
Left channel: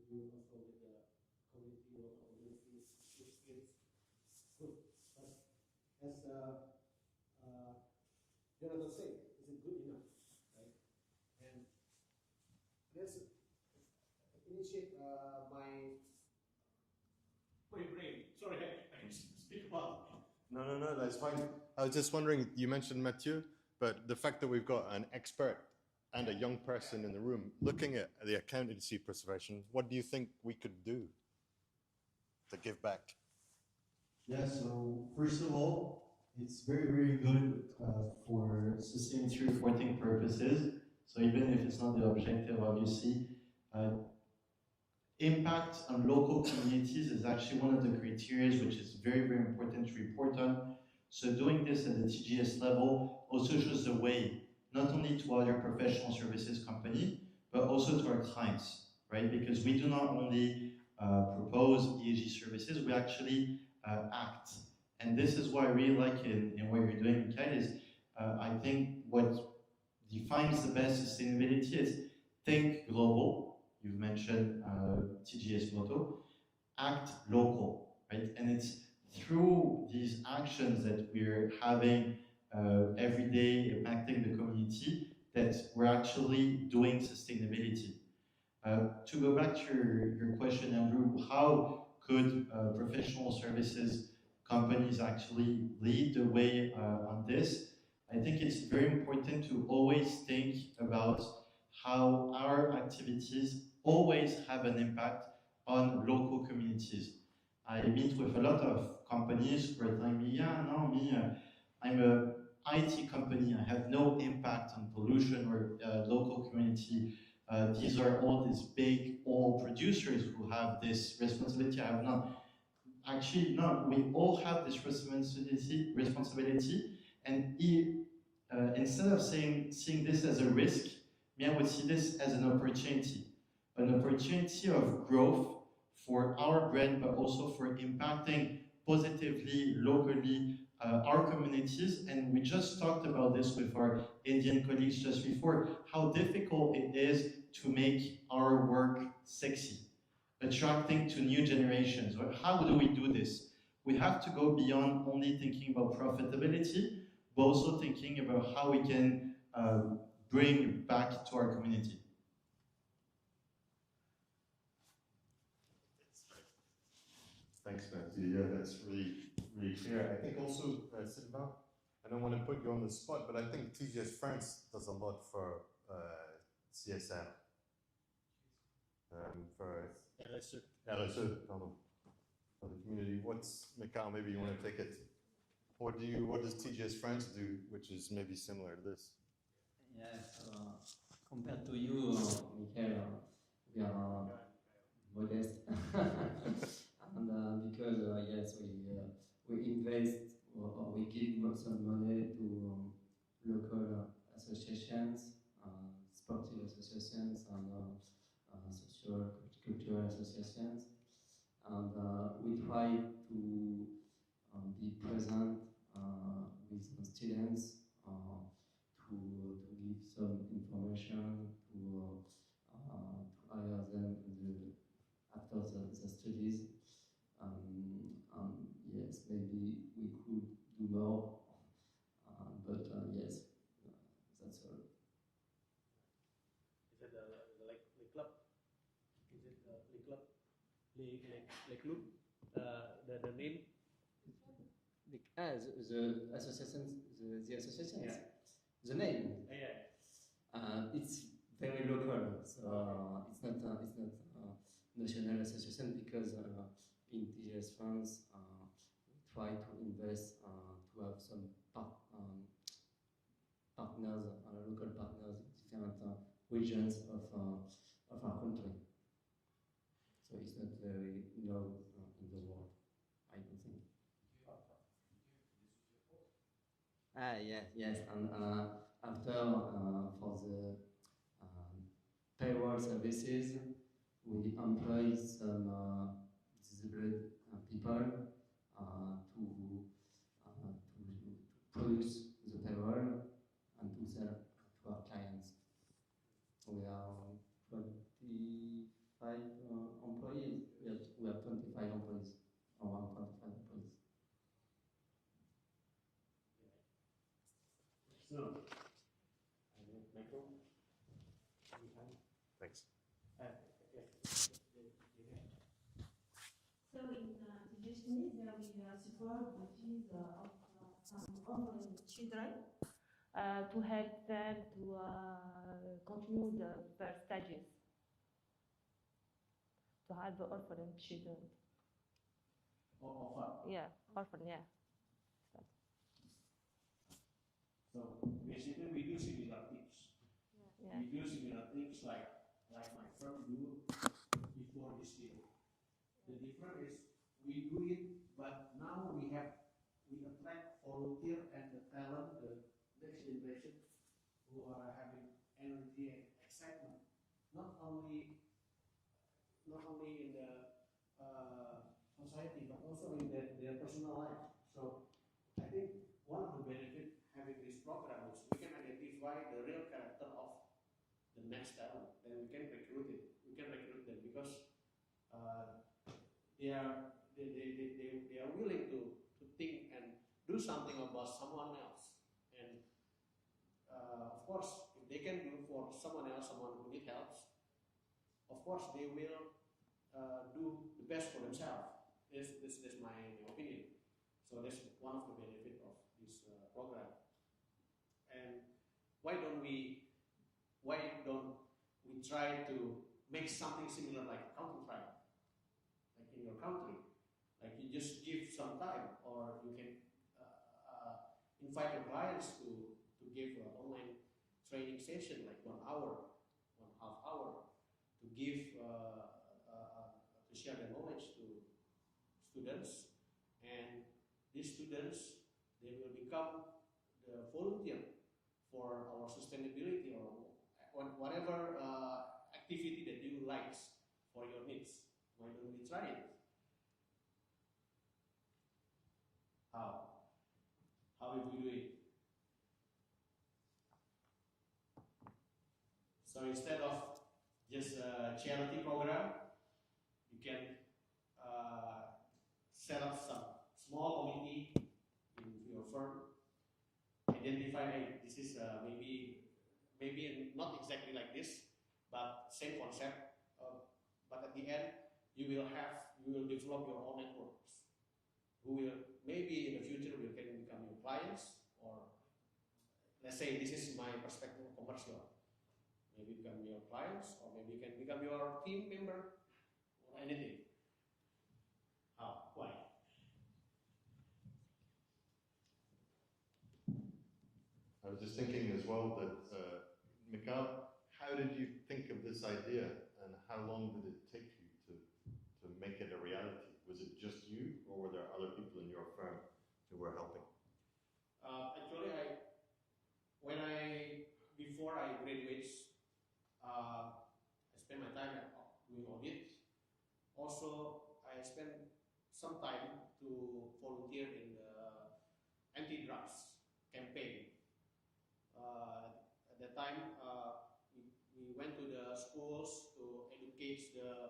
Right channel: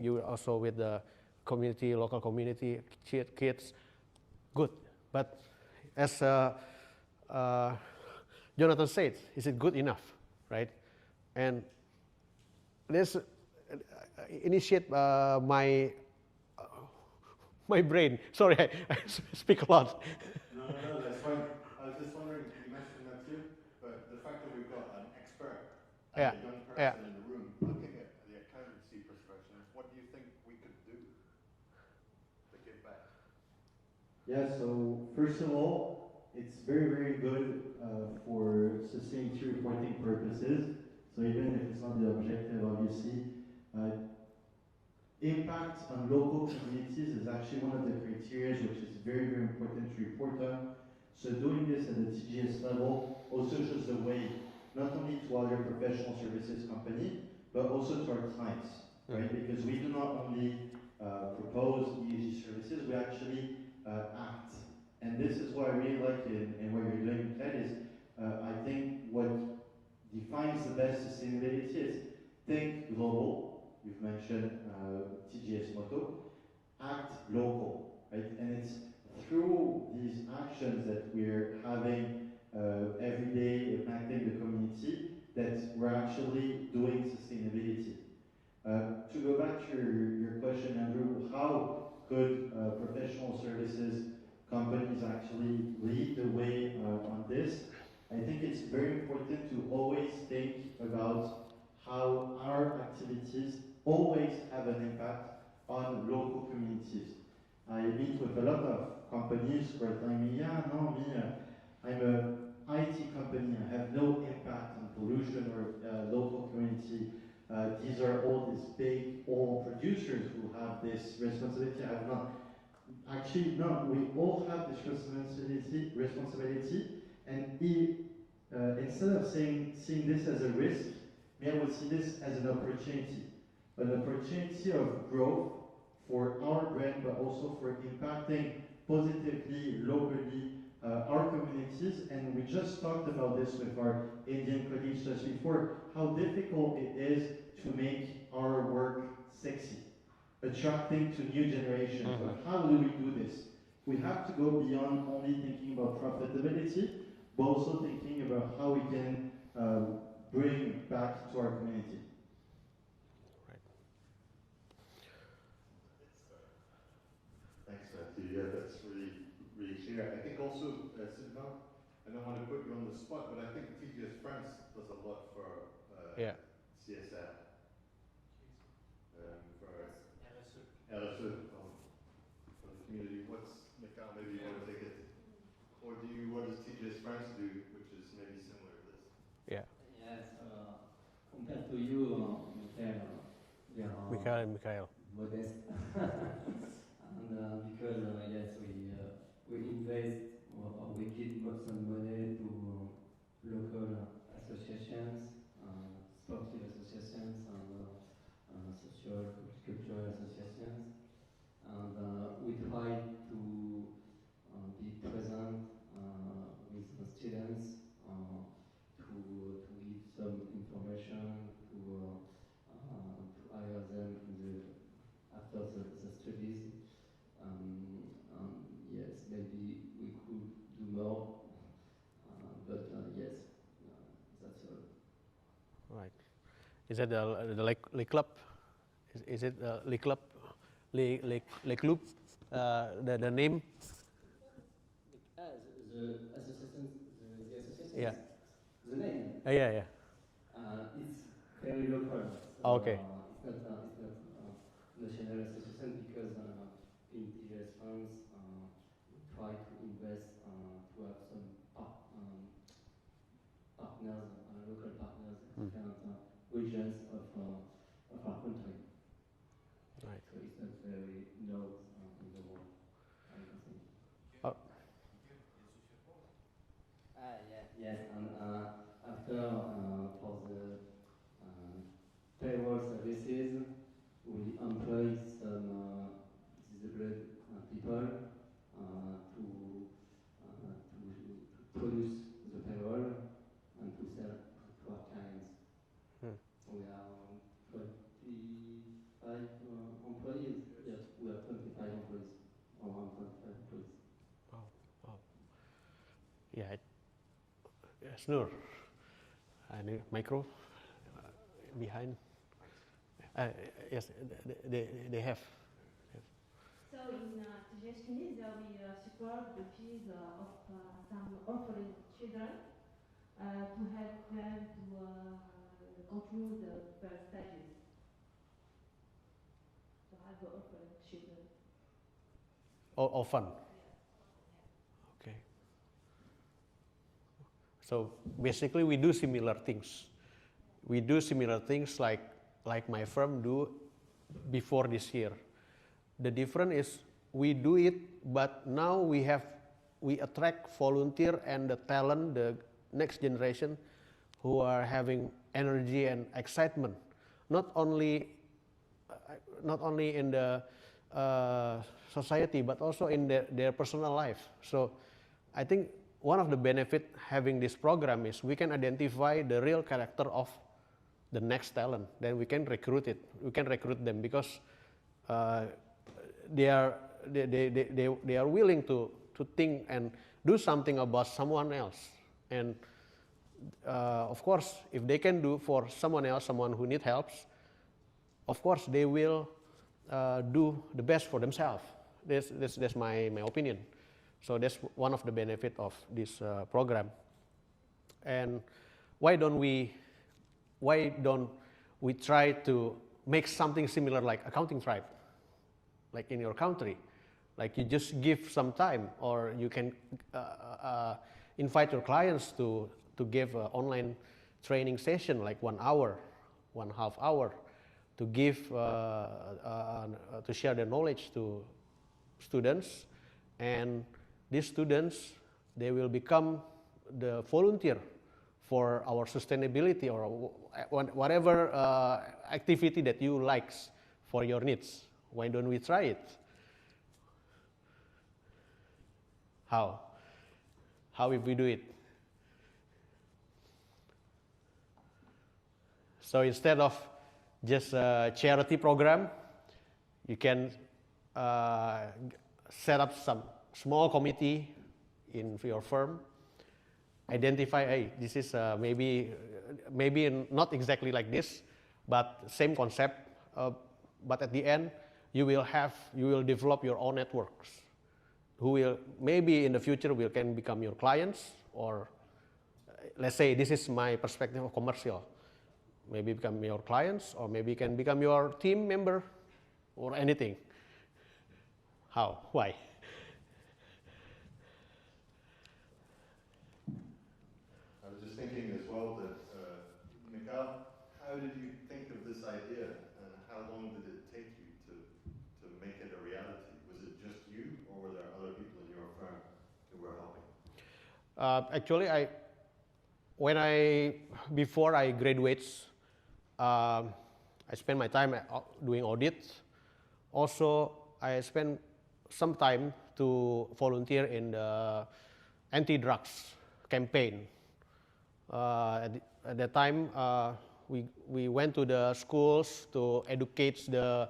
you also with the community, local community kids, good. But as Jonathan said, is it good enough, right? and this initiate my my brain. Sorry, I speak a lot. No, that's fine. I was just wondering, you mentioned Mathieu, but the fact that we've got an expert and Yeah, a young yeah. person in the room looking at the accountancy profession, what do you think we could do to give back? Yeah, so first of all, it's very, very good for sustainability reporting purposes. So even if it's not the objective, obviously, impact on local communities is actually one of the criteria which is very, very important to report on. So doing this at the TGS level also shows the way, not only to other professional services company, but also to our clients, right? Because we do not only propose ESG services, we actually act. And this is what I really like in what you're doing, Mikhail, is I think what defines the best sustainability is think global. You've mentioned TGS motto, act local, right? And it's through these actions that we're having every day impacting the community that we're actually doing sustainability. To go back to your question, Andrew, how could professional services companies actually lead the way on this? I think it's very important to always think about how our activities always have an impact on local communities. I meet with a lot of companies who are telling me, yeah, no, me, I'm a IT company, I have no impact on pollution or local community. These are all these big oil producers who have this responsibility. I have not. Actually, no, we all have this responsibility, and instead of seeing this as a risk, me, I would see this as an opportunity of growth for our brand, but also for impacting positively, locally, our communities. And we just talked about this with our Indian colleagues just before, how difficult it is to make our work sexy, attracting to new generations. But how do we do this? We have to go beyond only thinking about profitability, but also thinking about how we can bring back to our community. Thanks, Matthew. Yeah, that's really, really clear. I think also, Sylvain, I don't want to put you on the spot, but I think TGS France does a lot for CSR. For LSE, for the community. Mikhail, maybe you want to take it. What does TGS France do, which is maybe similar to this? Yes, compared to you, Mikhail, they are Mikhail. modest. And because, yes, we invest or we give some money to local associations, sportive associations, and social cultural associations. And we try to be present with the students to give some information to hire them after the studies. Yes, maybe we could do more, but yes, that's all. Right. Is that the lake club? Is it lake club? Lake club? The name? The association, the association. Yeah. The name. Yeah. It's very local. So, Okay. It's not national association because in TGS France we try to invest to have some partners, local partners in different regions of our country. Right. So it's not very known in the world, I don't think. Yes, and after for the payroll services, we employ some disabled people to produce the payroll and to sell to our clients. We are 25 employees. Yes, we have 25 employees. Around 25 employees. Wow. Yeah. Snur. Any micro? behind. Thanks. Yes, they have. So in TGS Tunisia, we support the fees of some orphan children to help them to continue their studies, to help the orphan children. Orphan. Yeah, orphan, yeah. Okay. So basically, we do similar things. We do similar things like my firm do before this year. The difference is we do it, but now we attract volunteer and the talent, the next generation, who are having energy and excitement, not only in the society, but also in their personal life. So I think one of the benefit having this program is we can identify the real character of the next talent. Then we can recruit it. We can recruit them because they are willing to think and do something about someone else. And of course, if they can do for someone else, someone who needs help, of course they will do the best for themselves. That's my opinion. So that's one of the benefit of this program. And why don't we try to make something similar like accounting tribe, like in your country? Like you just give some time, or you can invite your clients to give an online training session, like 1 hour, 1.5 hour, to give to share their knowledge to students, and these students, they will become the volunteer for our sustainability or whatever activity that you like for your needs. Why don't we try it? How if we do it? So instead of just a charity program, you can set up some small committee in your firm, identify, hey, this is maybe not exactly like this, but same concept, but at the end, you will develop your own networks, who will, maybe in the future, can become your clients, or let's say, this is my perspective of commercial, maybe become your clients, or maybe can become your team member, or anything. How? Why? I was just thinking as well that, Mikhail, how did you think of this idea, and how long did it take you to make it a reality? Was it just you, or were there other people in your firm who were helping? Actually, before I graduate, I spend my time doing audit. Also, I spend some time to volunteer in the anti-drugs campaign. At that time, we went to the schools to educate the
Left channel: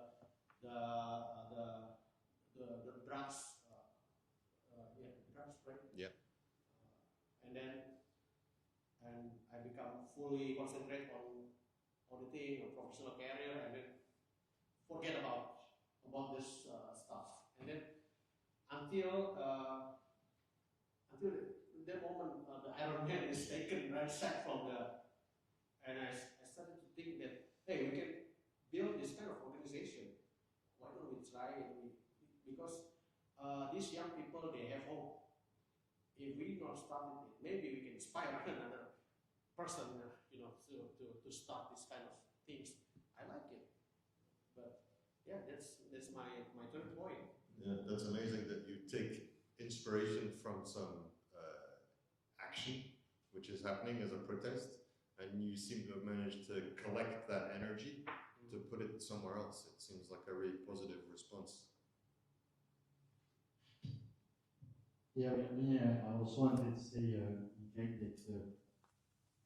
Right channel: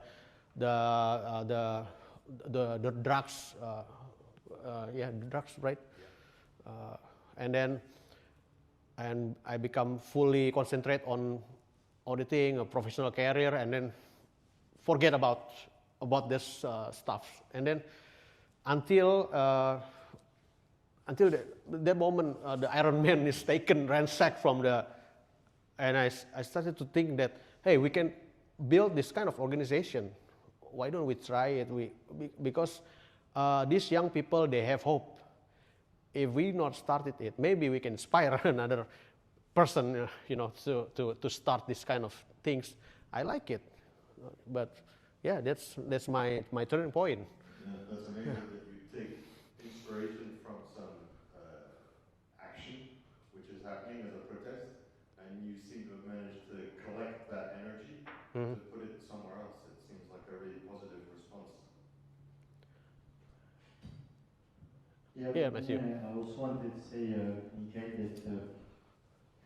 drugs. The drugs, right? Yeah. And I become fully concentrate on auditing a professional career, and then forget about this stuff. And then until that moment, the Iron Man is ransacked from and I started to think that, hey, we can build this kind of organization. Why don't we try it? Because these young people, they have hope. If we not started it, maybe we can inspire another person, to start this kind of things. I like it, but yeah, that's my turning point. Yeah, that's amazing that you take inspiration from some action which is happening as a protest, and you seem to have managed to collect that energy to put it somewhere else. It seems like a really positive response. Yeah, Matthew. I also wanted to say, Mikhail, that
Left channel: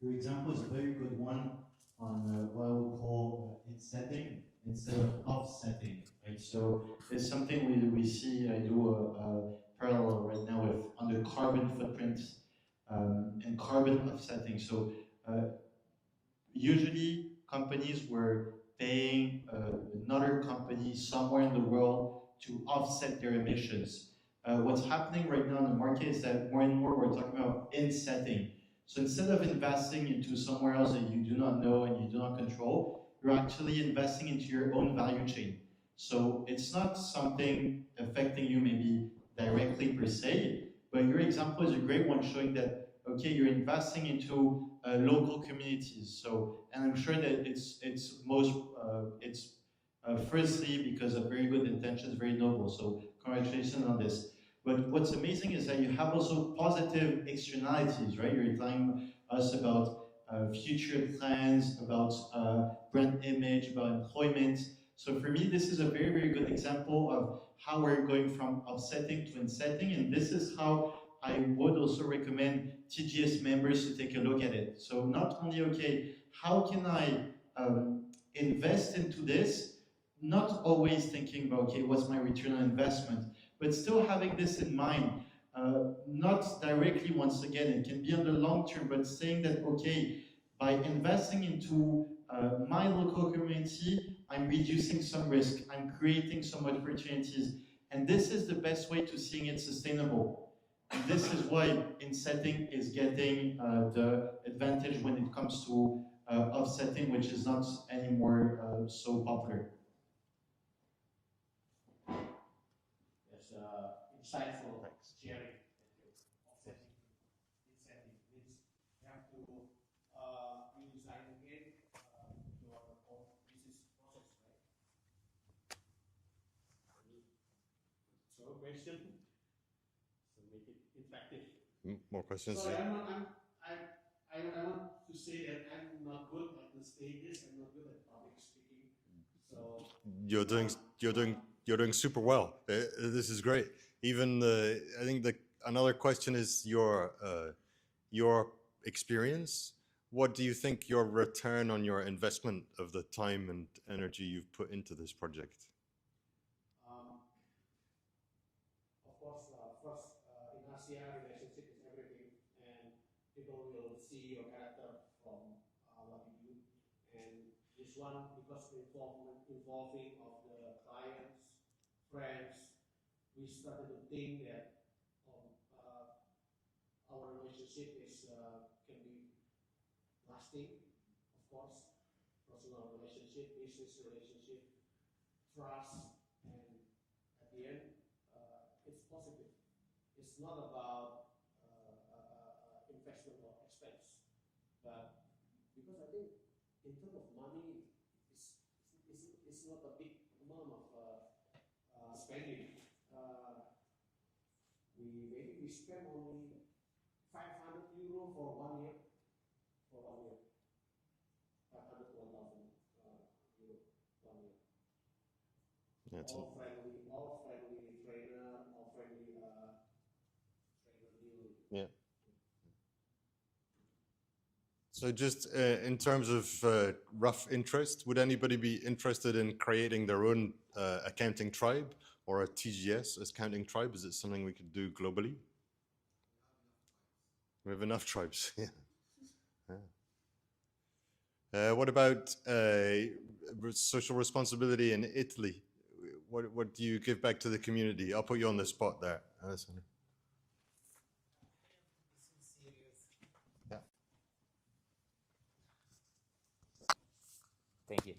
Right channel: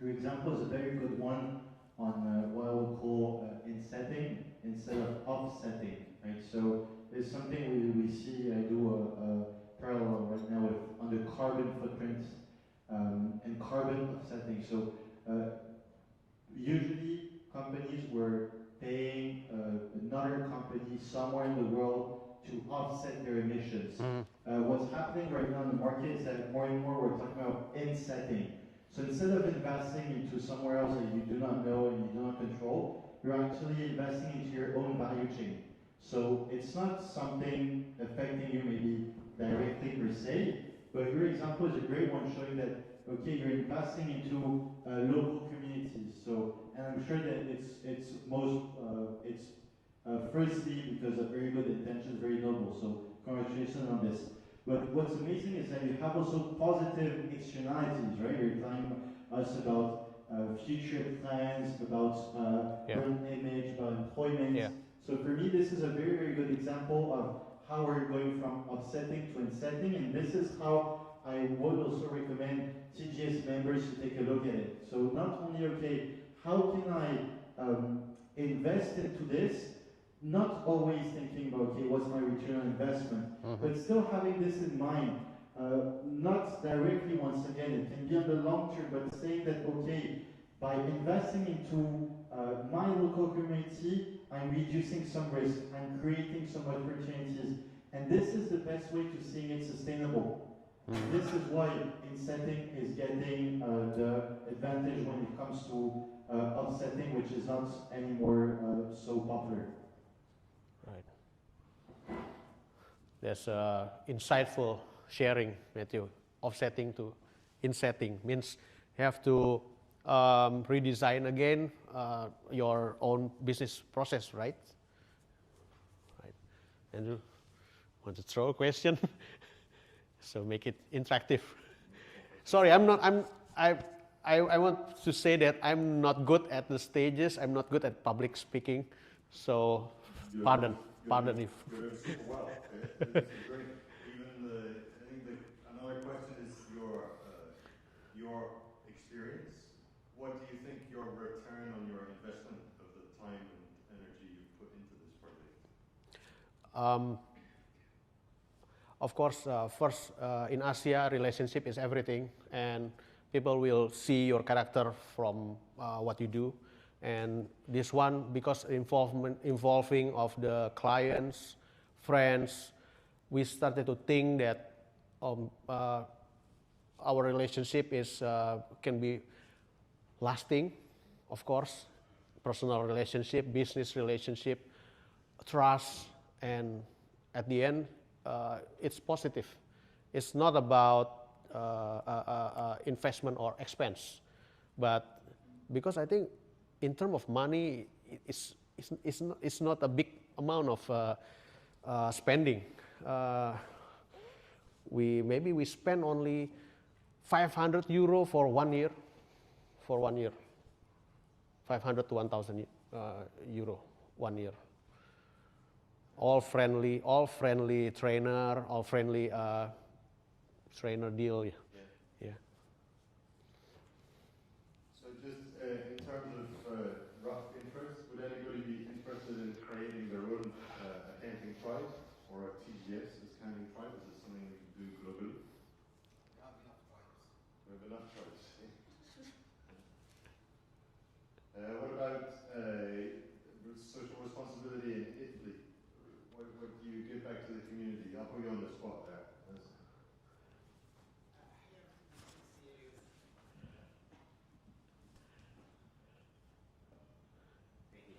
your example is a very good one on what I would call in setting instead of offsetting, right? So it's something we see do a parallel right now with under carbon footprints and carbon offsetting. So usually companies were paying another company somewhere in the world to offset their emissions. What's happening right now in the market is that more and more we're talking about insetting. So instead of investing into somewhere else that you do not know and you do not control, you're actually investing into your own value chain. So it's not something affecting you maybe directly per se, but your example is a great one showing that, okay, you're investing into local communities. So, and I'm sure that it's firstly because of very good intentions, very noble. So congratulations on this. But what's amazing is that you have also positive externalities, right? You're telling us about future plans, about brand image, about employment. Yeah. So for me, this is a very, very good example of how we're going from offsetting to insetting, and this is how I would also recommend TGS members to take a look at it. So not only, okay, how can I invest into this, not always thinking about, okay, what's my return on investment, but still having this in mind, not directly, once again, it can be on the long term, but saying that, okay, by investing into my local community, I'm reducing some risk, I'm creating some opportunities, and this is the best way to seeing it sustainable. This is why insetting is getting the advantage when it comes to offsetting, which is not anymore so popular. Right. That's insightful sharing, Matthew. Offsetting to insetting means you have to redesign again your own business process, right? Right. And you want to throw a question? So make it interactive. More questions? Sorry, I want to say that I'm not good at the stages. I'm not good at public speaking. So you're doing super well. This is great. Even I think another question is your experience. What do you think your return on your investment of the time and energy you've put into this project? Of course, first in Asia, relationship is everything, and people will see your character from what you do. And this one, because involving of the clients, friends, we started to think that our relationship is can be lasting, of course, personal relationship, business relationship, trust, and at the end, it's positive. It's not about investment or expense, but because I think in terms of money, it's not a big amount of spending. We spend only 500 euro for 1 year. For 1 year, 500 to 1,000 euro 1 year. All friendly trainer, all friendly trainer deal. Yeah. Yeah. So just in terms of rough interest, would anybody be interested in creating their own accounting tribe or a TGS accounting tribe? Is it something we could do globally? We have enough tribes. Yeah. What about social responsibility in Italy? What do you give back to the community? I'll put you on the spot there. Thank you.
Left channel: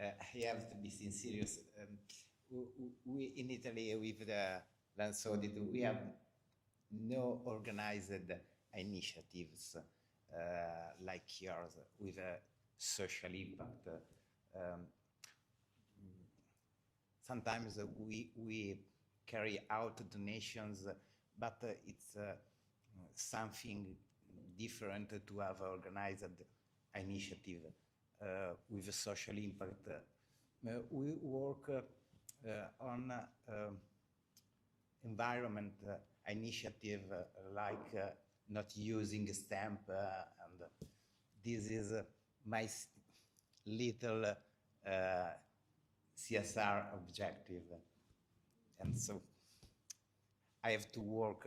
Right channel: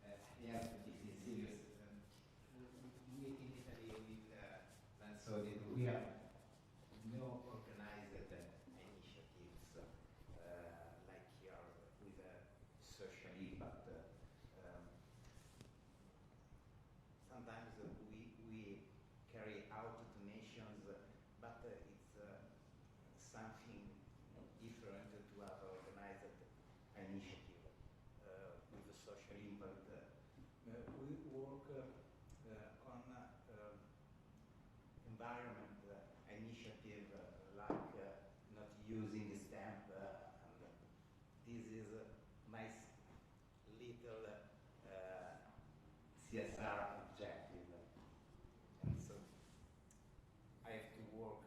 I have to be serious. We in Italy with the Dance Audit, we have no organized initiatives like yours with a social impact. Sometimes we carry out donations, but it's something different to have organized initiative with a social impact. We work on environment initiative like not using a stamp, and this is my little CSR objective, and so I have to work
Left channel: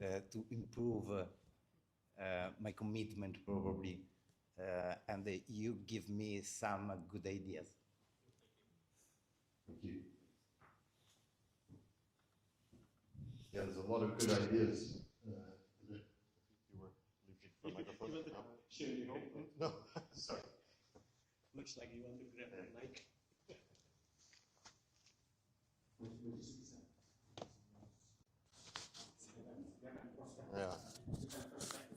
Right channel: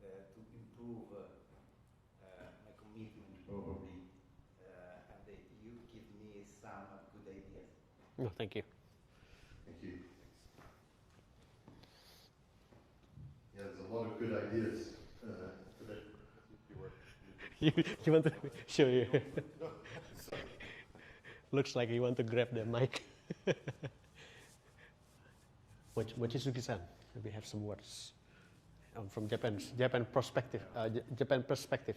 to improve my commitment probably and you give me some good ideas. No, thank you. Thank you. Yeah, there's a lot of good ideas today. You want to show you? No, sorry. Looks like you want to grab the mic. Mochizuki-san, we have some words from Japan perspective. Japan perspective.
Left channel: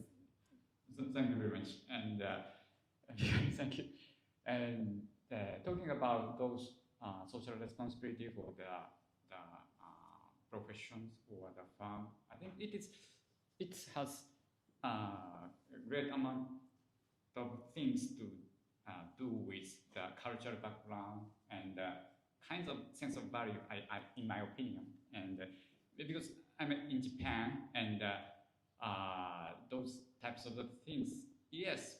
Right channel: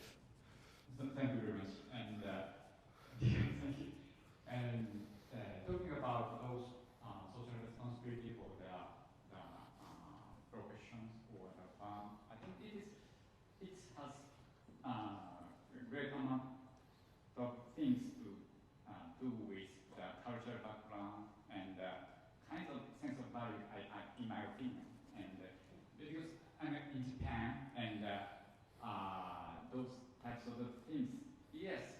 Thank you very much, and thank you. And talking about those social responsibility for the professions or the firm, I think it has a great amount of things to do with the cultural background and kinds of sense of value, in my opinion. And because I'm in Japan, and those types of things, yes,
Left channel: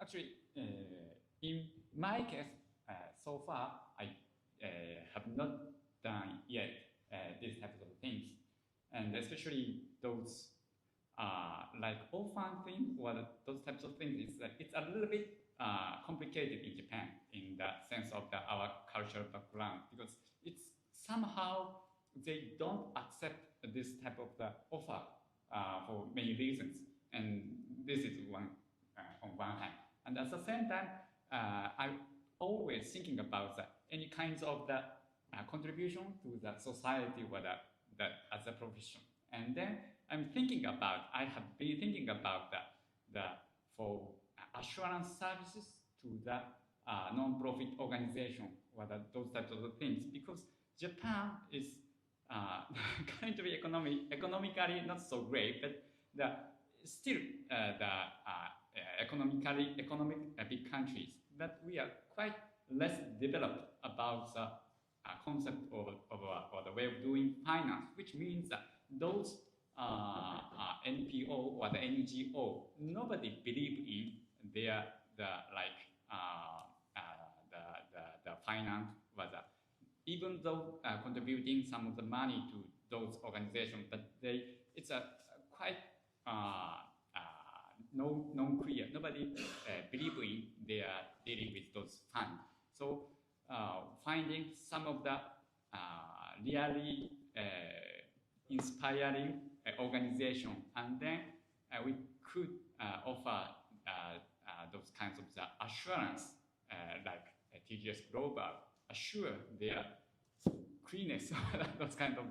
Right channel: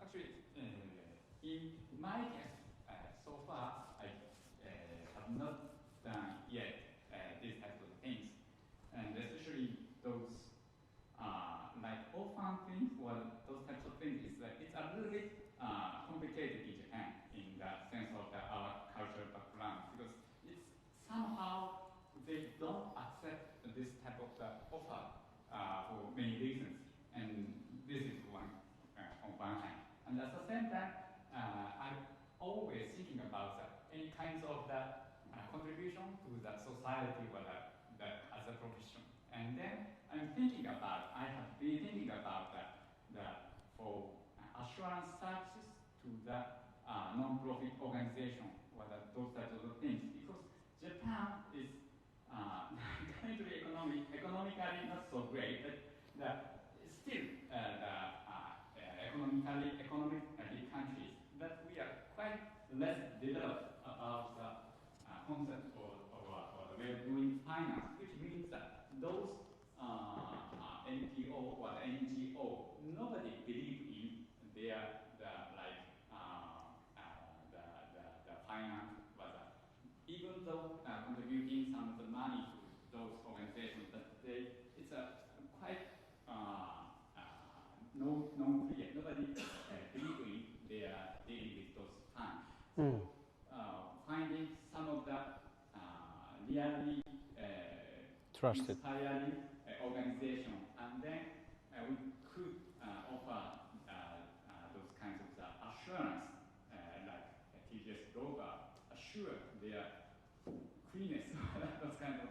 actually, in my case, so far, I have not done yet these types of things, and especially those like orphan things or those types of things. It's a little bit complicated in Japan in the sense of our cultural background, because it's somehow they don't accept this type of offer for many reasons, and this is one on one hand. And at the same time, I'm always thinking about any kinds of the contribution to the society or as a profession. And then I have been thinking about for assurance services to the non-profit organization or those types of things, because Japan is kind of economically not so great, but still economic big countries, but we are quite less developed about the concept of the way of doing finance, which means that those NPO or the NGO, nobody believe in their the finance, but even though contributing some of the money to those organizations, but it's a quite non-clear. Nobody believe in they are dealing with those funds. So finding some of the really inspiring organization, and then we could offer those kinds of assurance, like TGS Global, assure their cleanness, those kind of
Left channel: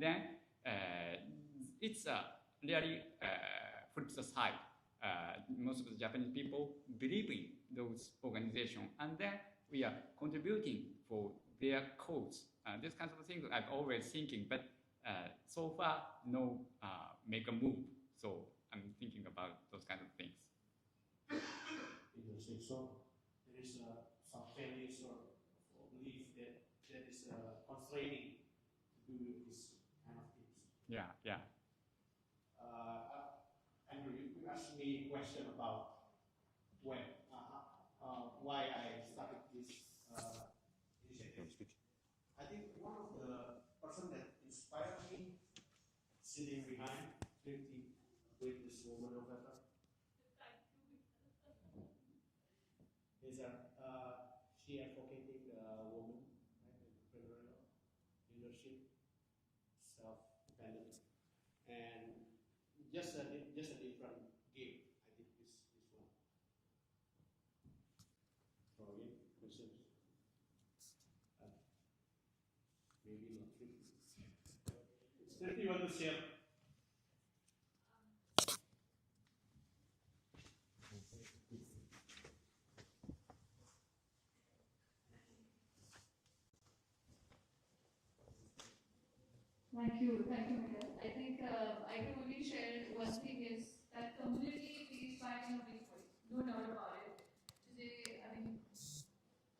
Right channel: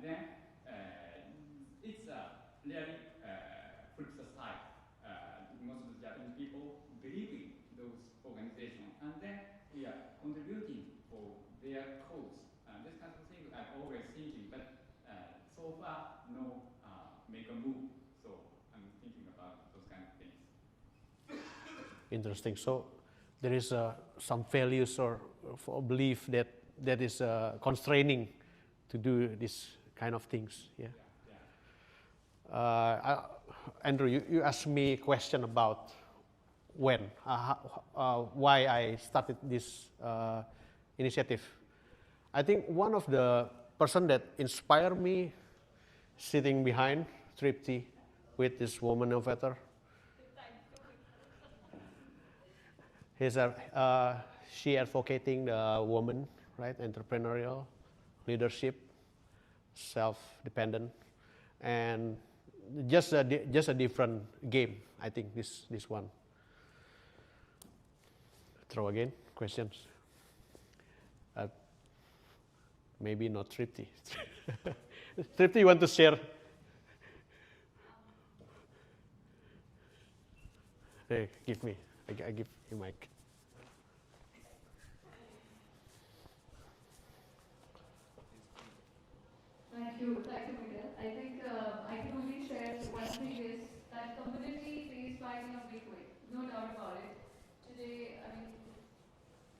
then it's really flip the side. Most of the Japanese people believe in those organizations, and then we are contributing for their cause. This kind of thing I'm always thinking, but so far no make a move. So I'm thinking about those kind of things. Interesting. So there is some values or belief that is constraining to do this kind of things. Yeah. Andrew, you asked me a question about when, why I started this initiative. I think one of the person that inspired me, sitting behind Tripti with this woman innovator, she advocating the woman, right? Entrepreneurial, leadership, self-dependent, and just a different game. I think this one. Throw again questions. Maybe not Tripti. Tripti, you want to share? Hey, give me. I give you mic. Thank you, Miguel. I think I can only share one thing is that community pays back in a big way, no doubt about it. Today, I mean,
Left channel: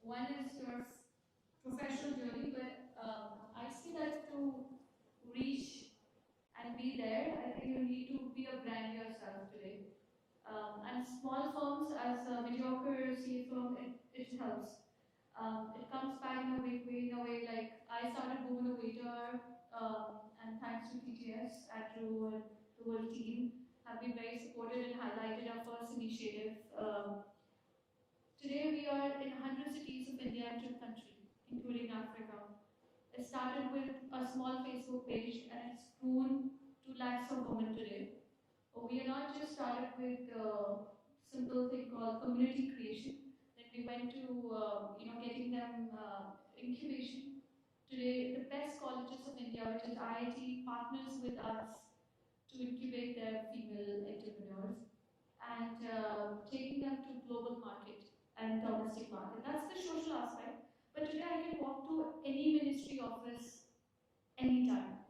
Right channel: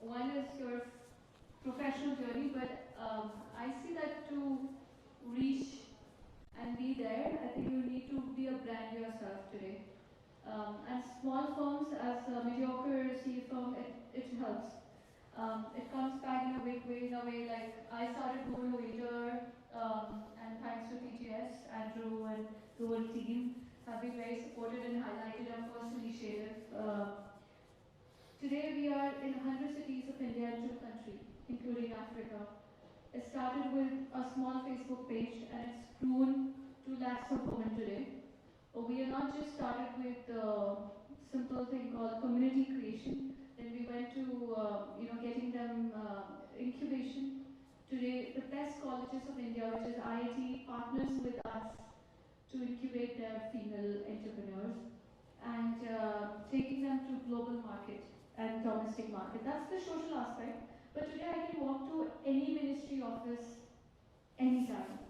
one is your professional journey, but I see that to reach and be there, I think you need to be a brand yourself today. And small firms as a mediocre C firm, it helps. It comes back in a big way, like I started Google Waiter, and thanks to TGS, Andrew and the whole team have been very supportive and highlighted our first initiative. Today we are in 100 cities of India and 2 countries, including Africa. It started with a small Facebook page and it's grown to lakhs of women today. We are not just started with a simple thing called community creation. Then we went to getting them incubation. Today, the best colleges of India, which is IIT, partners with us to incubate their female entrepreneurs and taking them to global market and domestic market. That's the social aspect. But today I can walk to any ministry office anytime,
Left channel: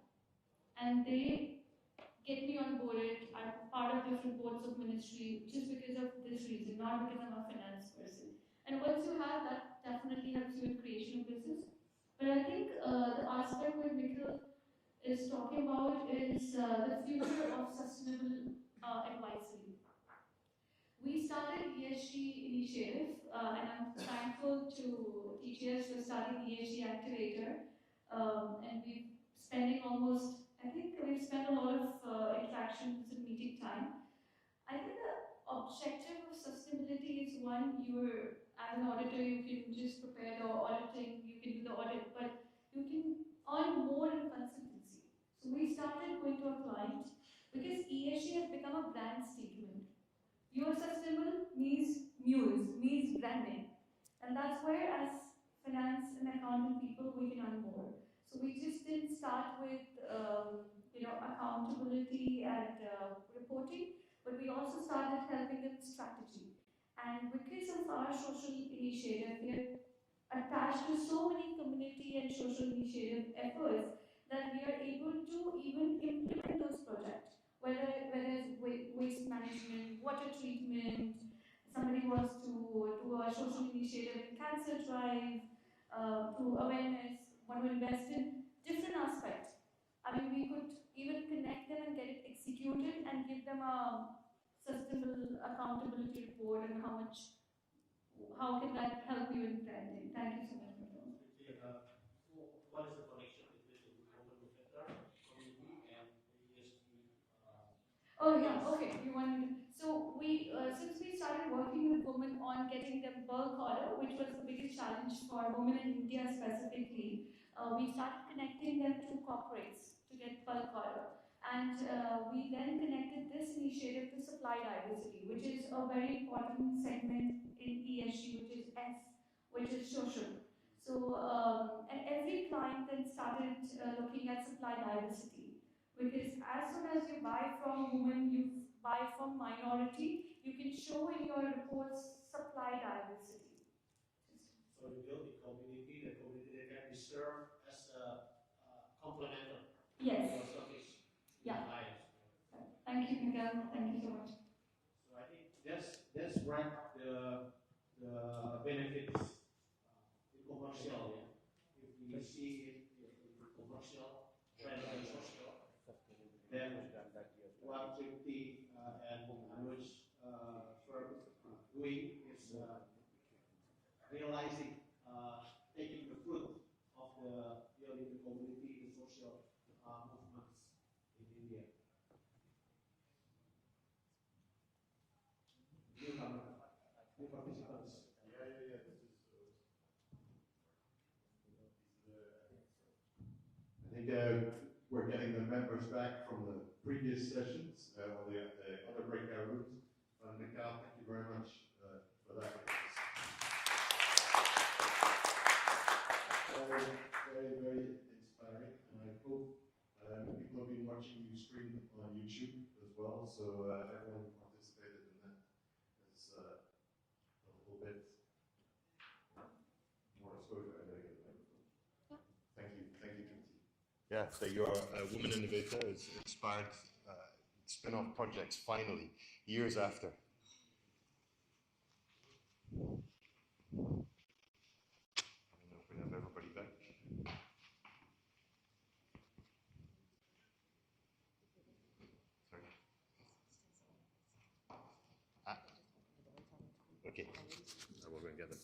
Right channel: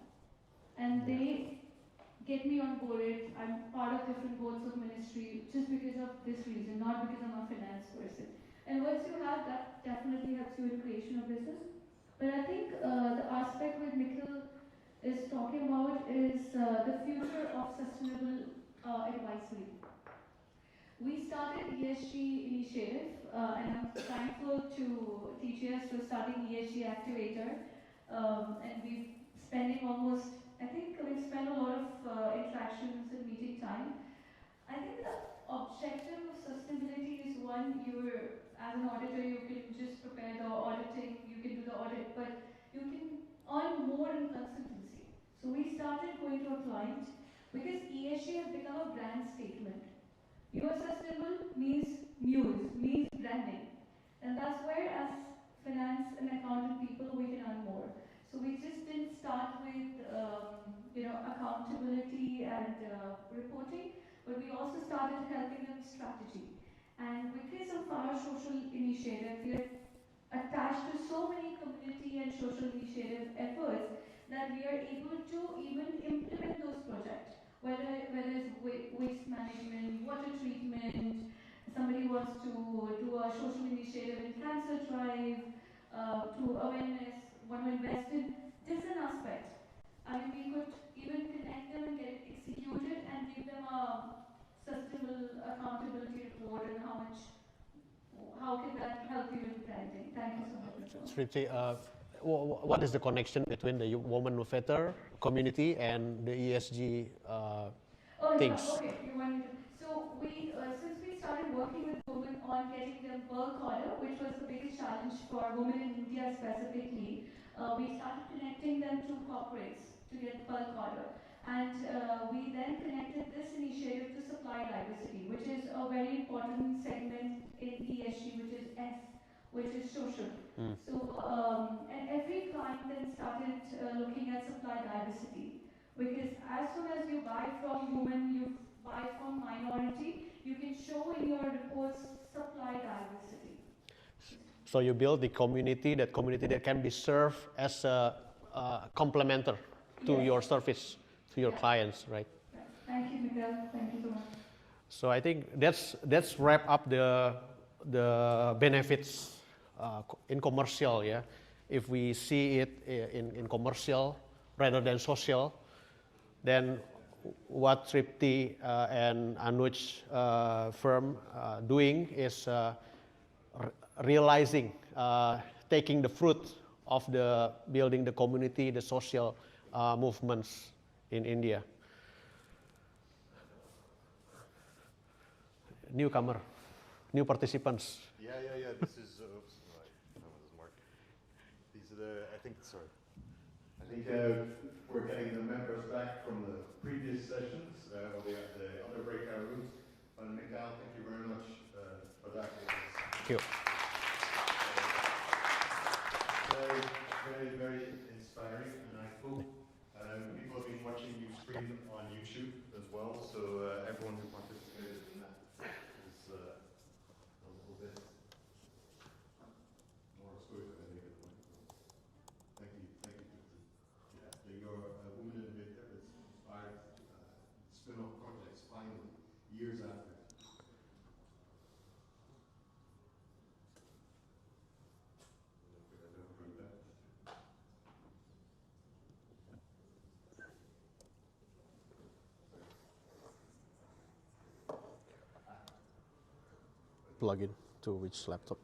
and they get me on board. I'm part of different boards of ministry just because of this reason, not because I'm a finance person. And once you have that, definitely helps you in creation of business. But I think the aspect where Nikhil is talking about is the future of sustainable advisory. We started ESG initiative, and I'm thankful to TGS for starting ESG activator. And we've spending almost, I think we've spent a lot of interactions and meeting time. I think the objective of sustainability is one, as an auditor, you can just prepare the auditing, you can do the audit, but you can earn more in consultancy. So we started going to a client because ESG has become a brand statement. Pure sustainable means news, means branding. And that's where, as finance and accounting people, we can earn more. So we just didn't start with accountability and reporting, but we also started helping them with strategy. And because of our social initiative, we are attached to so many community and social initiative efforts that we are able to even implement those projects. Whether it's waste management, water treatment, somebody wants to do a social initiative in cancer drive, to awareness, want to invest in different aspects. I mean, we could even connect them and get it executed and give them a sustainable accountability report and how can that help you in branding. Thank you so much. Sriti, what is the connection between the woman innovator community and the ESG things? Yeah, okay, you want me to. So we, since we started working with women on getting them bulk order, which was the biggest challenge for women in India specifically, we started connecting them to corporates to get bulk order. And we then connected this initiative to supply diversity, which is a very important segment in ESG, which is S, which is social. So every client then started looking at supply diversity. Because as soon as you buy from women, you buy from minority, you can show in your reports supply diversity. So you build the community that can be served as a complementer to your service, to your clients, right? Yeah. Thank you, Miguel. Thank you so much. So I think that's wrap up the benefits in commercial, yeah. If we see it in commercial rather than social, then what Tripti and Anuj firm doing is realizing, taking the fruit of the building the community, the social movements in India. Newcomer, new participants. Yeah. This is, oops, that was Mark. These are the, I think we're getting the members back from the previous sessions. We have the other breakout rooms. Mikhail, thank you very much for that. Thank you. Very, very inspiring, and I hope people have been watching you stream on YouTube as well, so everyone who participated in that is a little bit more exposure, I think. Thank you. Yeah, that your woman innovator has inspired spin-off projects finally, years after. We have everybody back. Plug in to which laptop?